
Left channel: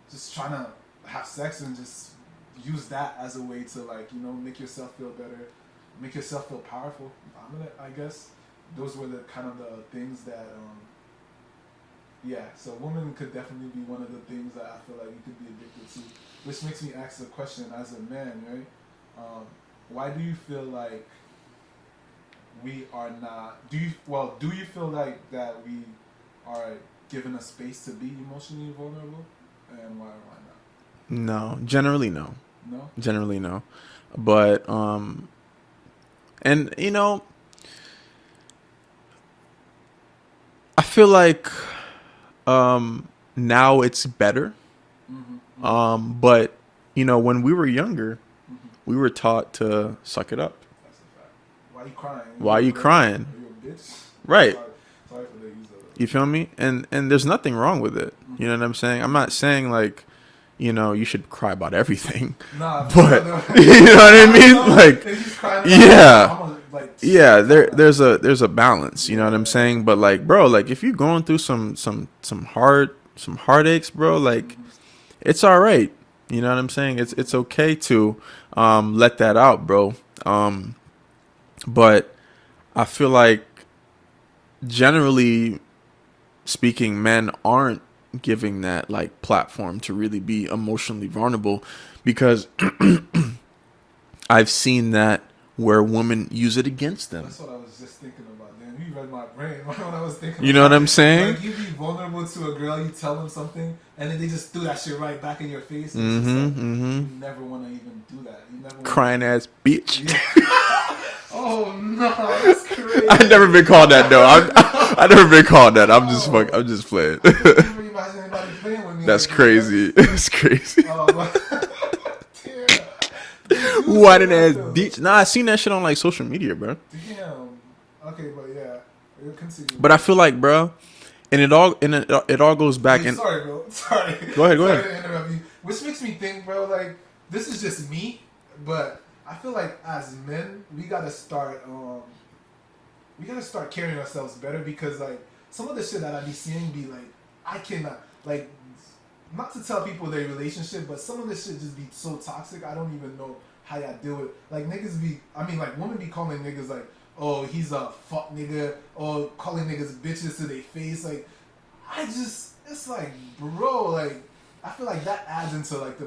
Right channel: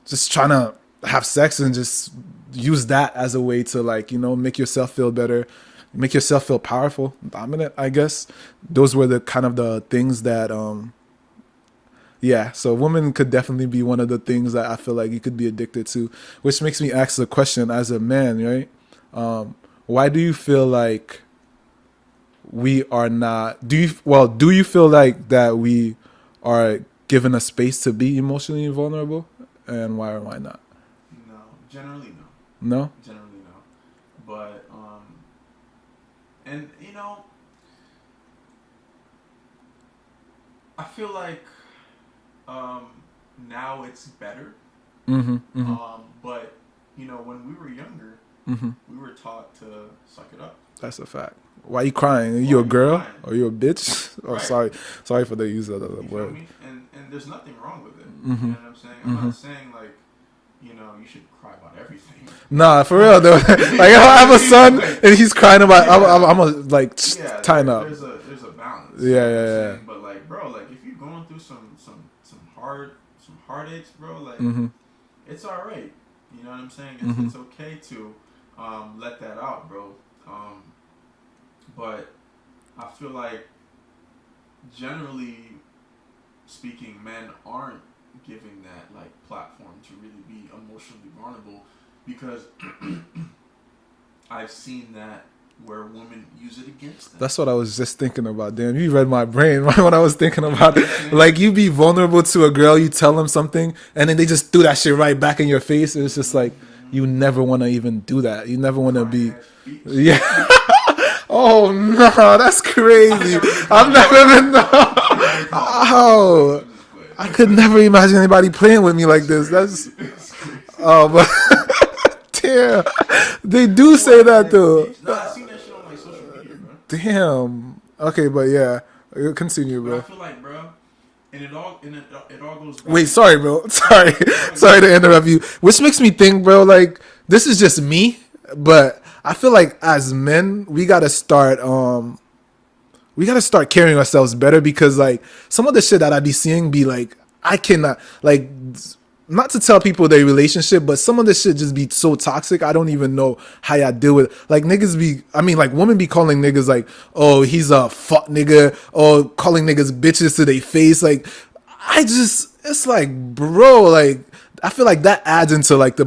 just trying to have sex and just use that as a way to, like, you know, make yourself feel better, make yourself feel powerful, dominant, I guess. Those were the kind of the things that, yeah. So women could definitely be one of the things that I feel like you could be addicted to, which makes me ask the question, as a man, right? Why do you feel like we are not, do you feel like that we are given a space to be emotionally vulnerable, and why or why not? No, generally no. No? Generally no. But and you know, I feel like now it's better. But you know, when we were younger, we were taught to suck it up. That's a fact. Why are you crying? Why are you a you girl? crying? Are you a bitch? Right. Sorry for the use of that. You feel me? And there's nothing wrong with it. You know what I'm saying? I'm not saying like, you know, you should cry about everything. Nah, for real though. Like, you know I have a son, like, and he's crying about. Yeah, I'm a, like. Yeah, there's a balance. You know what I'm saying? But like, bro, like if you're going through some heartaches, bro, like it's all right. You know what I'm saying? It's okay to let that out, bro. But I feel like, generally speaking, men aren't giving that like platform to really be emotionally vulnerable, because I've seen that where women use it against them. That's what I was just thinking about. Damn, you read my brain right when I was thinking about it. You know what I'm saying? Like, you be vulnerable to a girl, you tell them something, and then they just threw that shit right back in your face. And it's just like, you never want to even do that. You never want to crying ass bitch. Yeah. Oh no, that's crazy. I've never been called that. I've never been called that. I'm just playing. I could never imagine anybody playing with me like this. Crazy. That's crazy. Oh, but damn, they do say that though. Nah, I seen that shit on like social media, bro. Damn. Okay, but yeah, continue. But bro, I feel like, bro, and it all goes back. Wait, sorry, bro. Sorry, go ahead. To interrupt you. Which makes me think, bro. Like, this is just me, but I feel like as men, we gotta start carrying ourselves better, because like some of the shit that I be seeing be like, I cannot, like, not to tell people their relationship, but some of the shit just be so toxic. I don't even know how y'all deal with it. Like, women be calling niggas like, oh, he's a fuck nigga, or calling niggas bitches to their face. Like, it's like, bro, like, I feel like that adds into like the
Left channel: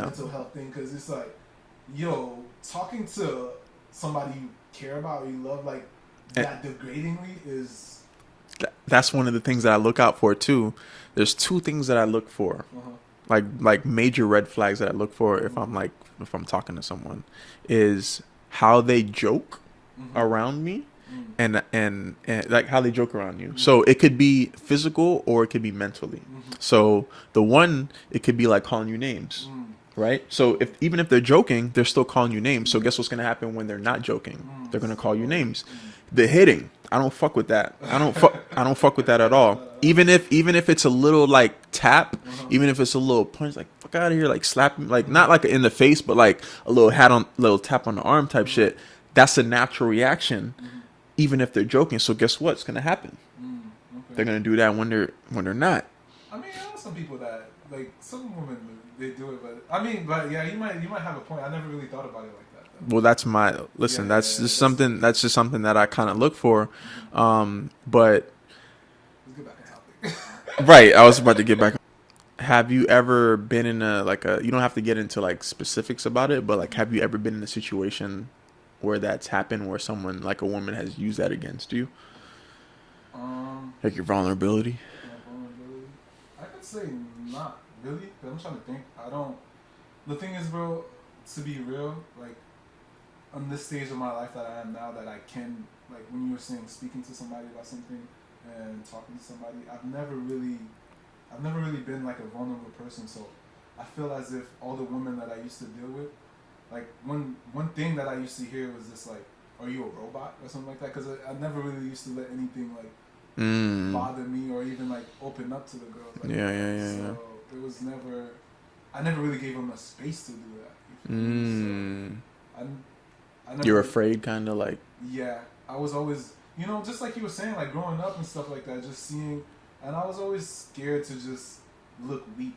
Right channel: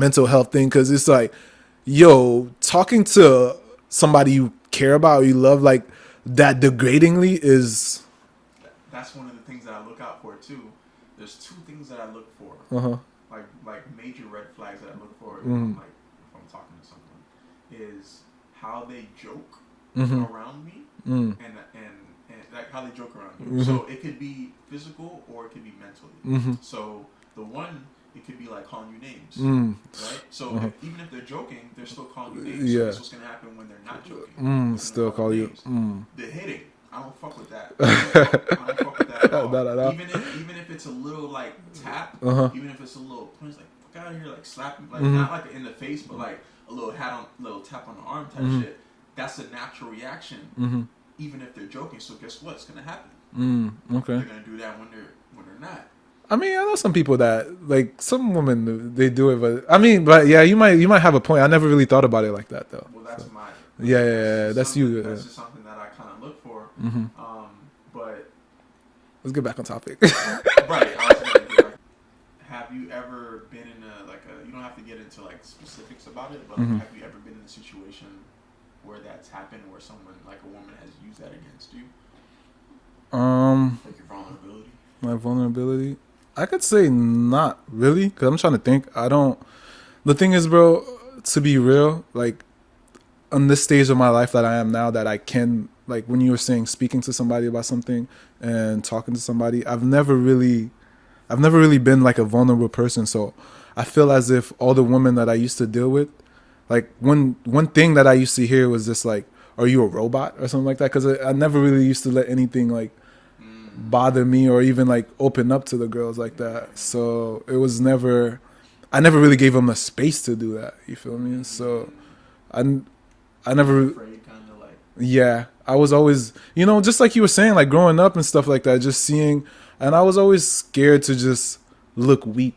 mental health thing, because it's like, yo, talking to somebody you care about or you love like that degradingly is. That's one of the things that I look out for too. There's two things that I look for, like major red flags that I look for if I'm talking to someone, is how they joke around me. And like how they joke around you. So it could be physical or it could be mentally. So the one, it could be like calling you names, right? So even if they're joking, they're still calling you names. So guess what's gonna happen when they're not joking? They're gonna call you names. The hitting, I don't fuck with that. I don't fuck with that at all. Not at all. Even if it's a little like tap, even if it's a little punch, like fuck out of here, like slap, like not like in the face, but like a little tap on the arm type shit. That's a natural reaction. Even if they're joking. So guess what's gonna happen? Okay. They're gonna do that when they're not. I mean, I know some people that like some women they do it, but yeah, you might have a point. I never really thought about it like that though. Well, that's just something that I kind of look for. But let's get back on topic. Right, I was about to get back. Have you ever been in you don't have to get into like specifics about it, but like have you ever been in a situation where that's happened, where someone like a woman has used that against you? Like your vulnerability. My vulnerability, I could say not really, because I'm trying to think. The thing is, bro, to be real, like on this stage of my life that I am now, that I can, like when you were saying speaking to somebody about something and talking to somebody, I've never really been like a vulnerable person. So I feel as if all the women that I used to deal with, like one thing that I used to hear was just like, are you a robot or something like that? Because I never really used to let anything like bother me or even like open up to the girls like that. Yeah, so it was I never really gave them a space to do that. You feel me? So I never. You're afraid, kind of like. Yeah, I was always, just like you were saying, like growing up and stuff like that, just seeing, and I was always scared to just look weak.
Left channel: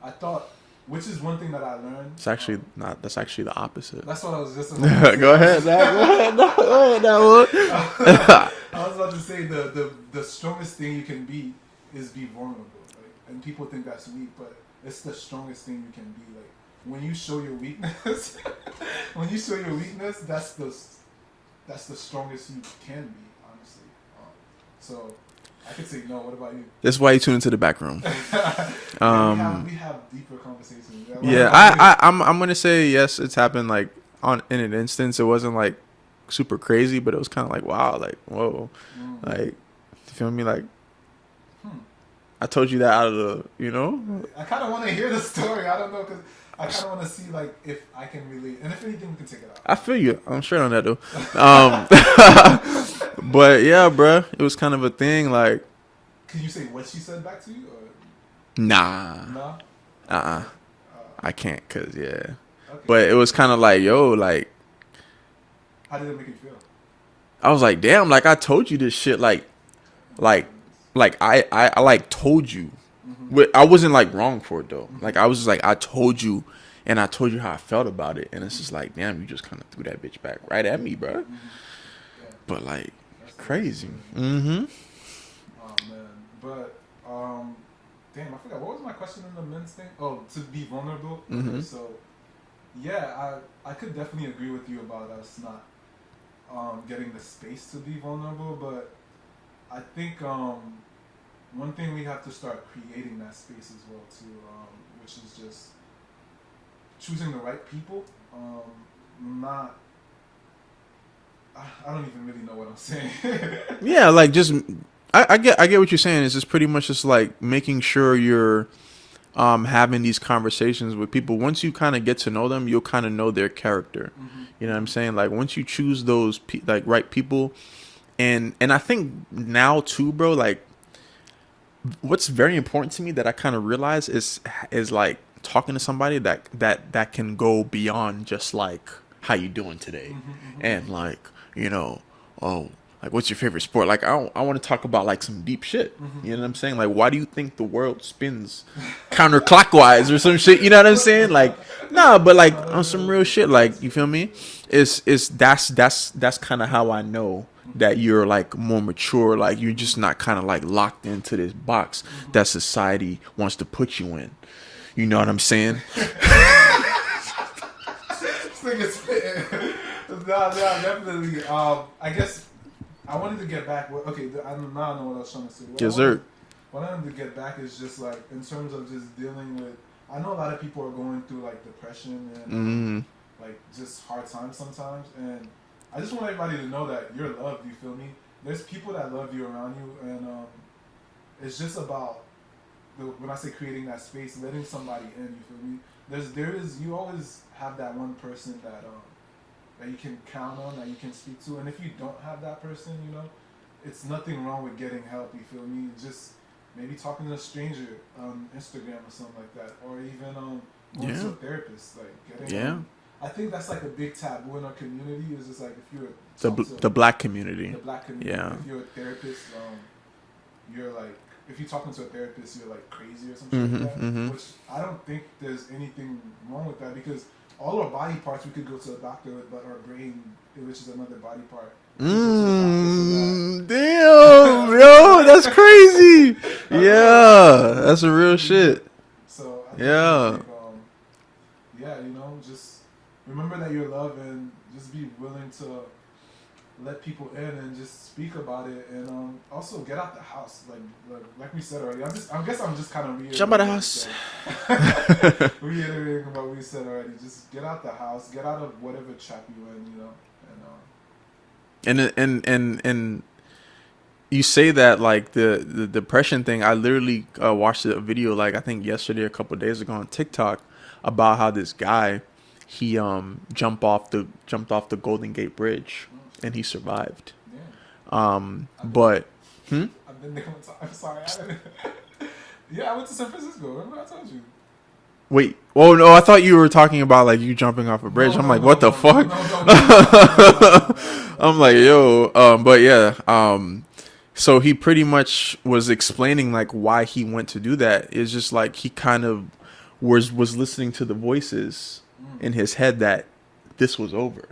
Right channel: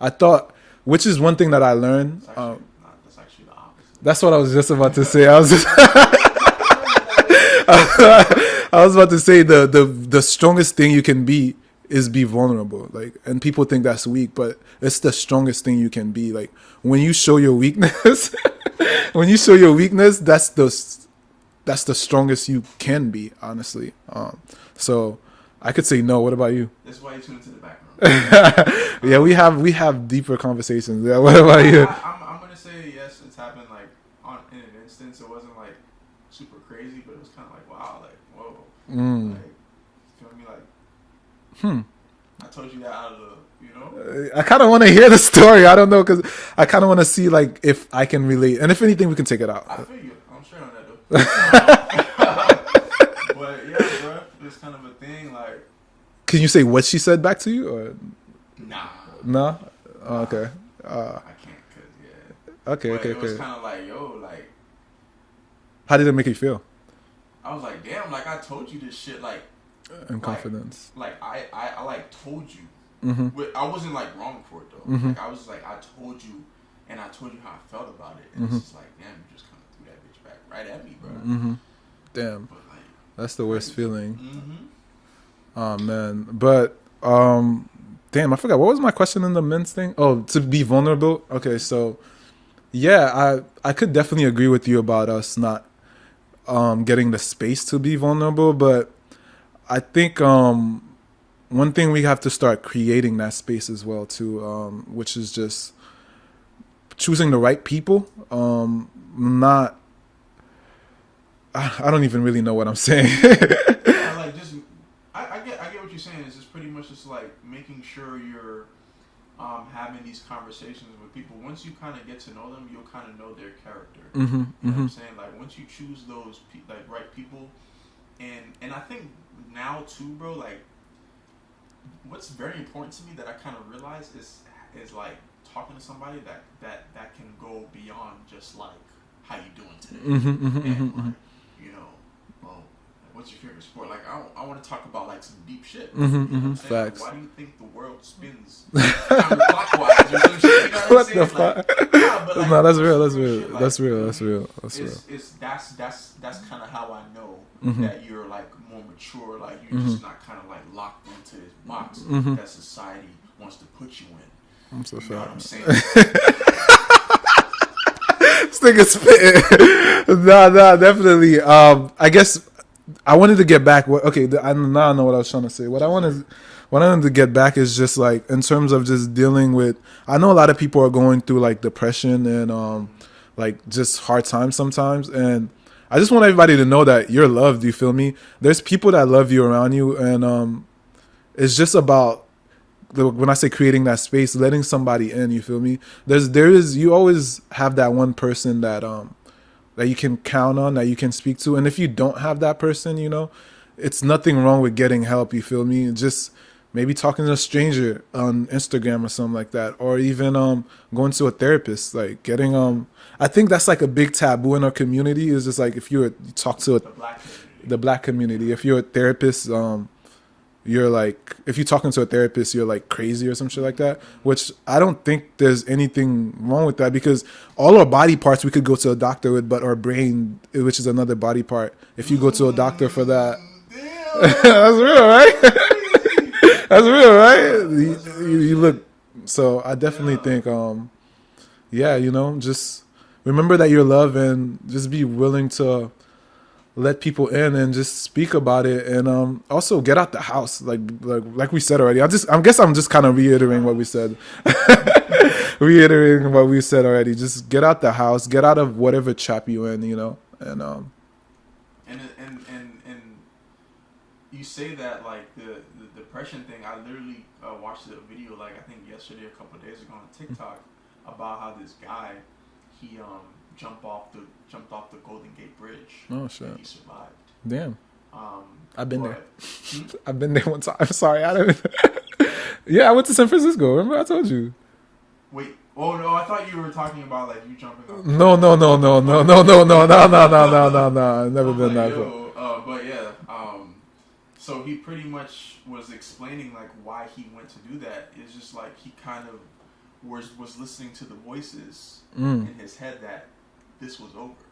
I thought. Which is one thing that I learned. It's actually not. That's actually the opposite. That's what I was just about to say. I was about to say the strongest thing you can be is be vulnerable. Like, and people think that's weak, but it's the strongest thing you can be. Like when you show your weakness, that's the strongest you can be. Honestly, so. I could say no. What about you? That's why you tune into the back room. Yeah, we have deeper conversations. Yeah, what about you? I'm gonna say yes. It's happened like in an instance. It wasn't like super crazy, but it was kind of like wow, like whoa, like you feel me? Like I told you that out of the I kind of want to hear the story. I don't know, because I kind of want to see like if I can relate, and if anything, we can take it out. I feel you. I'm straight on that though. But yeah, bro, it was kind of a thing. Like, can you say what she said back to you? Or? Nah. Oh, okay. I can't, cause yeah. Okay. But it was kind of like, yo, like, how did it make you feel? I was like, damn, like I told you this shit, like I like told you. I wasn't like wrong for it though. Like I was just like, I told you, and I told you how I felt about it, and it's just like, damn, you just kind of threw that bitch back right at me, bro. Damn. But like. That's the worst feeling. Oh man, but damn, I forgot what was my question in the men's thing. Oh, to be vulnerable. Okay, so yeah, I could definitely agree with you about us not getting the space to be vulnerable, but I think one thing we have to start creating that space as well too, which is just choosing the right people. Not. I don't even really know what I'm saying. Yeah, like just I get what you're saying. It's just pretty much just like making sure you're having these conversations with people. Once you kind of get to know them, you'll kind of know their character. You know what I'm saying? Like once you choose those like right people, and I think now too, bro. Like what's very important to me that I kind of realize is like talking to somebody that can go beyond just like how you doing today, and like. Like what's your favorite sport? Like I want to talk about like some deep shit. You know what I'm saying? Like why do you think the world spins counterclockwise or some shit? You know what I'm saying? Like Nah, but like No, that's on real, some that's real real. shit, like That's you real, feel that's me? real, that's That's kind of how I know that you're like more mature. Like you're just not kind of like locked into this box that society wants to put you in. You know what I'm saying? This nigga spitting. Nah, definitely. I guess I wanted to get back. Okay, now I know what I was trying to say. What I wanted to get back is just like in terms of just dealing with. I know a lot of people are going through like depression and like just hard times sometimes, and I just want everybody to know that you're loved. You feel me? There's people that love you around you, and it's just about. When I say creating that space, letting somebody in, you feel me? You always have that one person that you can count on, that you can speak to, and if you don't have that person, you know, it's nothing wrong with getting help. You feel me? Just maybe talking to a stranger on Instagram or something like that, or even going to a therapist, like getting I think that's like a big taboo in our community. Is just like if you talk to the black community, if you're a therapist, you're like, if you're talking to a therapist, you're like crazy or some shit like that, which I don't think there's anything wrong with that, because all our body parts we could go to a doctor with, but our brain, which is another body part, if you go to a doctor for that. Damn, that's crazy. That's real, right? That's a real shit. So I definitely think, you know, just remember that you're loved and just be willing to let people in and just speak about it, and also get out the house, like we said already. I guess I'm just kind of reiterating what we said. Reiterating what we said already. Just get out the house, get out of whatever trap you in, you know, and you say that like the depression thing. I literally watched a video like I think yesterday, a couple of days ago on TikTok about how this guy. He jumped off the Golden Gate Bridge and he survived. Damn. I've been there one time. I'm sorry, I didn't. Yeah, I went to San Francisco. Remember I told you. Wait. Oh no, I thought you were talking about like you jumping off a bridge. No. I'm like, yo. But yeah. So he pretty much was explaining like why he went to do that. It's just like he kind of was listening to the voices in his head that this was over.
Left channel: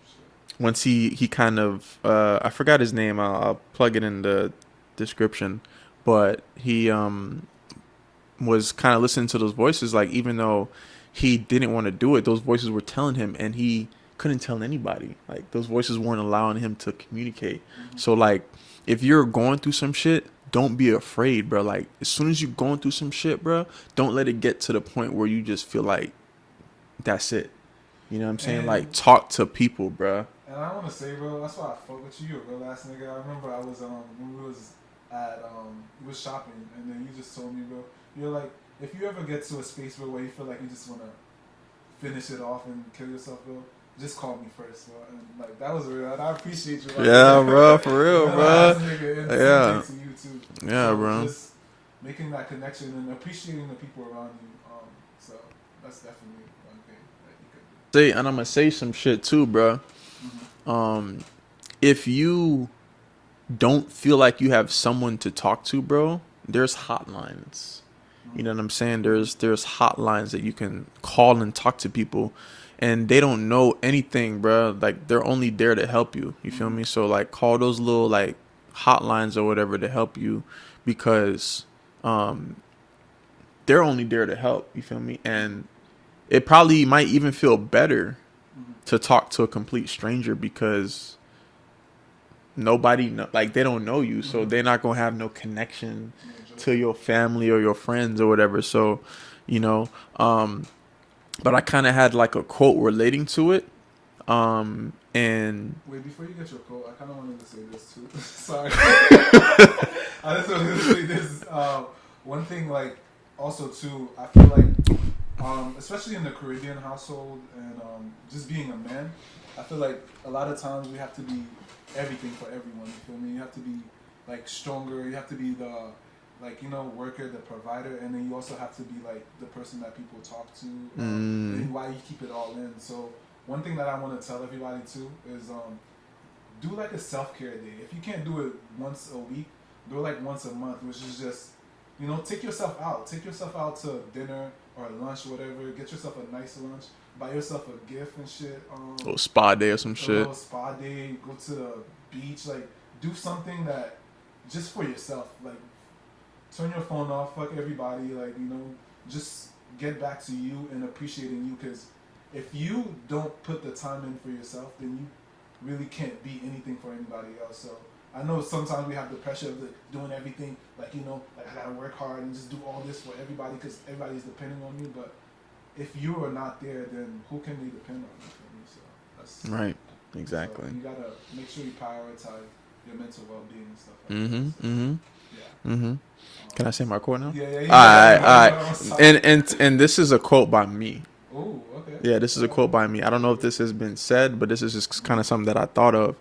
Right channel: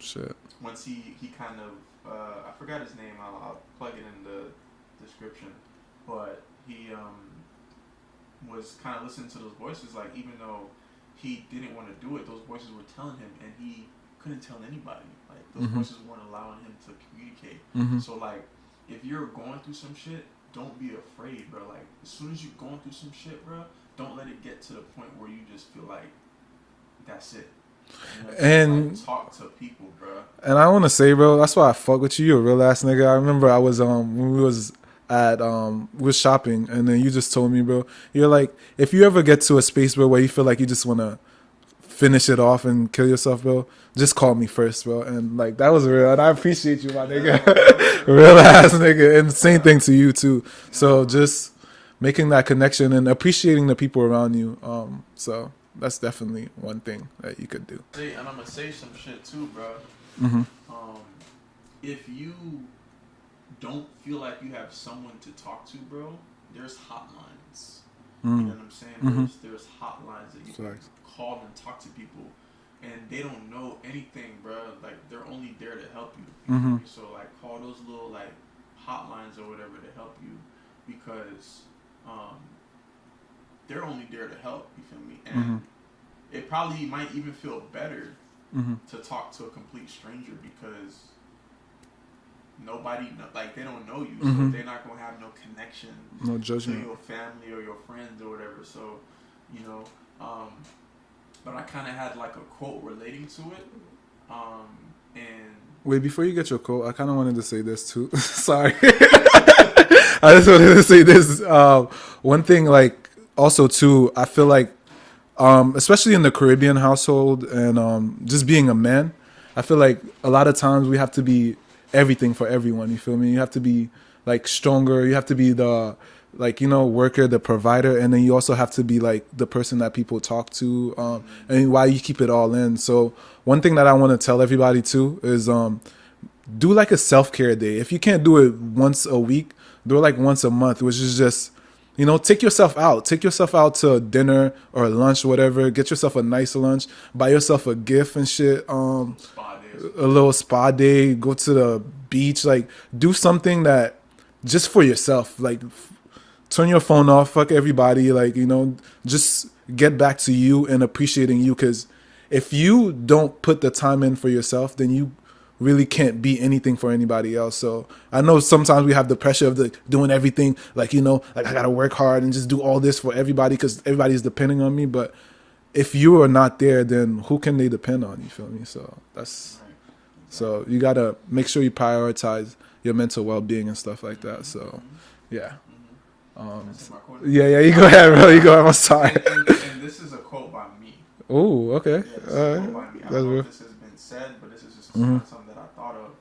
Shit. Once he kind of I forgot his name. I'll plug it in the description. But he was kind of listening to those voices, like even though he didn't want to do it, those voices were telling him, and he couldn't tell anybody. Like those voices weren't allowing him to communicate. So like if you're going through some shit, don't be afraid, bro. Like as soon as you're going through some shit, bro, don't let it get to the point where you just feel like that's it. You know what I'm saying? And, like talk to people, bro. And I want to say, bro, that's why I fuck with you. You're a real ass nigga. I remember I was when we was at we was shopping, and then you just told me, bro, you're like, if you ever get to a space, bro, where you feel like you just want to finish it off and kill yourself, bro, just call me first, bro. And like that was real, and I appreciate you, man. Yeah, bro, for real. Real ass nigga. And same thing to you too. Yeah, so bro. just making that connection and appreciating the people around you. So that's definitely one thing that you could do. And I'm gonna say some shit too, bro. If you don't feel like you have someone to talk to, bro, there's hotlines. You know what I'm saying? There's hotlines that you can call and talk to people, and they don't know anything, bro. Like they're only there to help you. You feel me? So like call those little like hotlines or whatever to help you, because they're only there to help. You feel me? And it probably might even feel better to talk to a complete stranger, because nobody like they don't know you, so they're not gonna have no connection to your family or your friends or whatever. So you know, but I kind of had like a quote relating to it. And wait, before you get your quote, I kind of wanted to say this too. Sorry. I just wanted to say this. One thing, like, also too, I feel like, especially in the Caribbean household and just being a man, I feel like a lot of times we have to be everything for everyone. You feel me? You have to be like stronger. You have to be the, like, you know, worker, the provider, and then you also have to be like the person that people talk to, and why you keep it all in. So one thing that I want to tell everybody too is do like a self-care day. If you can't do it once a week, do it like once a month, which is just take yourself out. Take yourself out to dinner or lunch, whatever. Get yourself a nice lunch. Buy yourself a gift and shit. A little spa day or some shit. A little spa day. Go to the beach. Like, do something that just for yourself. Like, turn your phone off. Fuck everybody. Like, just get back to you and appreciating you. Because if you don't put the time in for yourself, then you really can't be anything for anybody else. So I know sometimes we have the pressure of doing everything, like I gotta work hard and just do all this for everybody because everybody's depending on me. But if you are not there, then who can they depend on? You feel me? So that's right. Exactly. So you gotta make sure you prioritize your mental well-being and stuff like that. So yeah. Can I say my quote now? Yeah. You go ahead. Bro. You go ahead. And this is a quote by me. Oh, okay. Yeah, this is a quote by me. I don't know if this has been said, but this is just kind of something that I thought of.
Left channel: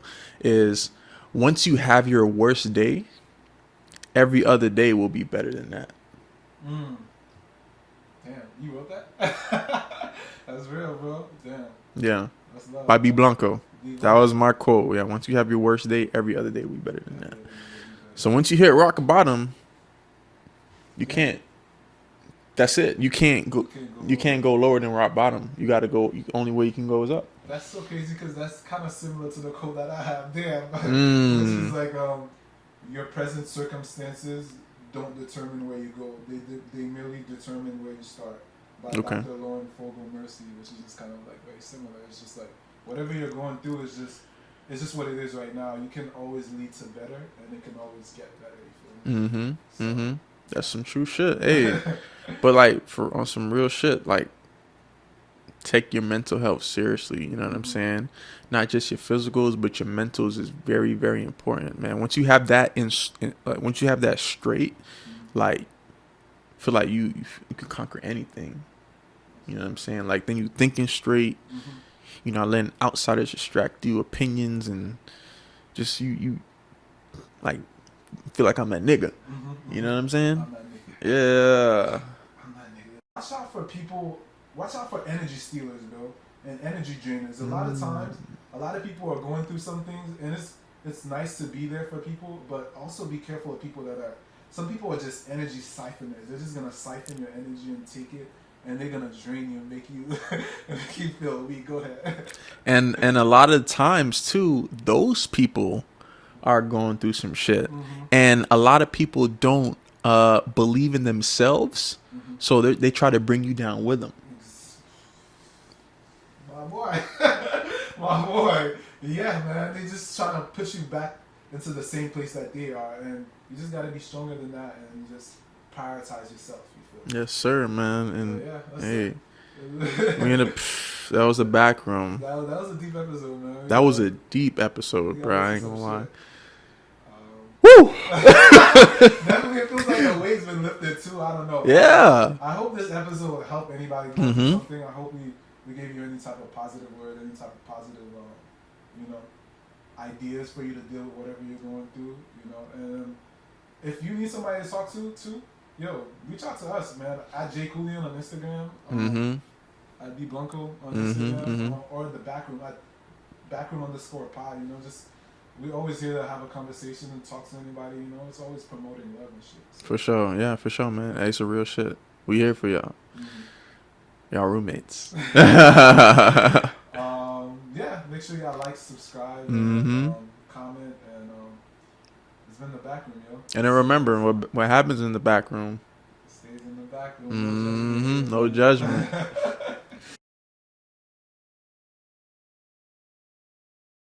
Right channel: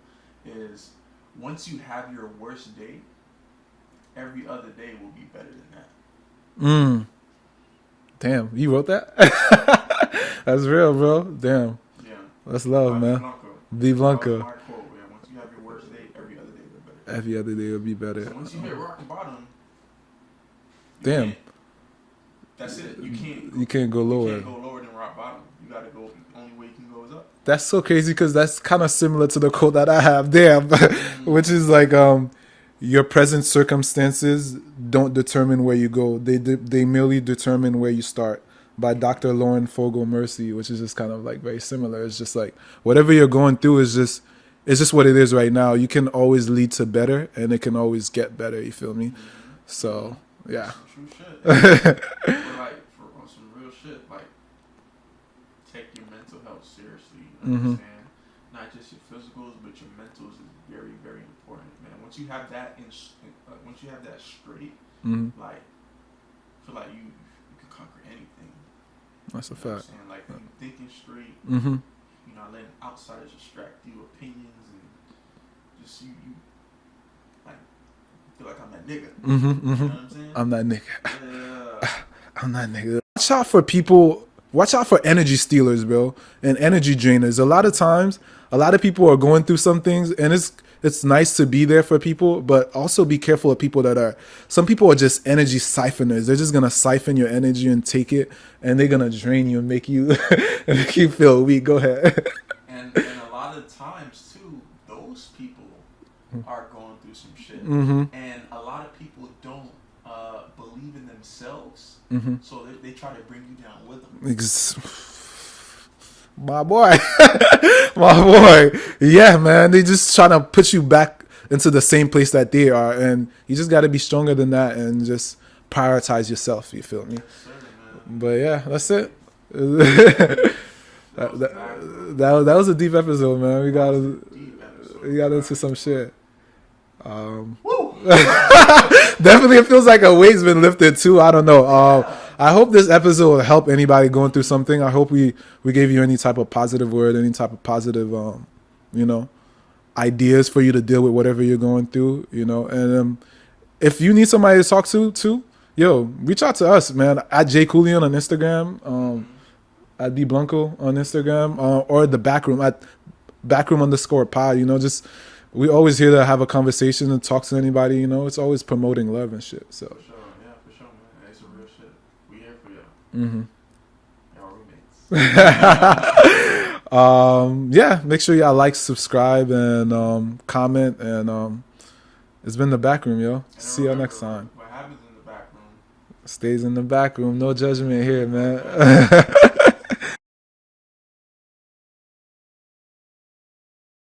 Is once you have your worst day, every other day will be better than that. Damn, you wrote that? That's real, bro. Damn. Yeah. That's love. By man. B-Blanco. B-Blanco. That was my quote. Yeah, once you have your worst day, every other day will be better than every other day will be better. So once you hit rock bottom, you Damn. can't. That's it. You can't go. You can't go lower. You can't go lower than rock bottom. You got to go. Only way you can go is up. That's so crazy because that's kind of similar to the quote that I have there, which is like, your present circumstances don't determine where you go. They merely determine where you start. By Dr. Lauren Fogel Mercy, which is just kind of like very similar. It's just like whatever you're going through is just what it is right now. You can always lead to better, and it can always get better. You feel me? So. Yeah. That's some true shit. Hey. But like on some real shit, like take your mental health seriously. You know what I'm saying? Not just your physicals, but your mentals is very, very important, man. Once you have that once you have that straight, like feel like you can conquer anything. That's you know what I'm saying? Like then you thinking straight. You're not letting outsiders distract you, opinions, and just you like. Feel like I'm that nigga. You know what I'm saying? I'm that nigga. Yeah. I'm that nigga. Watch out for people. Watch out for energy stealers, bro, and energy drainers. A lot of times, a lot of people are going through some things, and it's nice to be there for people, but also be careful of people some people are just energy siphoners. They're just going to siphon your energy and take it, and they're going to drain you and make you feel weak. Go ahead. And a lot of times, too, those people are going through some shit, and a lot of people don't believe in themselves, so they try to bring you down with them. My boy. Yeah, man, they just trying to put you back into the same place that they are, and you just got to be stronger than that and just prioritize yourself. You feel me? Yes, sir, man. And but yeah, that's it. That was the back room. That was a deep episode, man. That was a deep episode. We got bro. into some shit. Woo! Definitely, it feels like a weight's been lifted too. I don't know. Yeah. I hope this episode will help anybody going through something. I hope we gave you any type of positive word, any type of positive, ideas for you to deal with whatever you're going through. And if you need somebody to talk to too, reach out to us, man. At J Coolian on Instagram. At B-Blanco on Instagram, or the backroom at backroom_pod. We always here to have a conversation and talk to anybody. It's always promoting love and shit. So. For sure, yeah, for sure, man. Hey, it's a real shit. We here for y'all. Y'all roommates. Yeah, make sure y'all like, subscribe, and comment. And it's been the backroom, yo. And then remember, what happens in the backroom stays in the backroom. No judgment here, no man. judgment.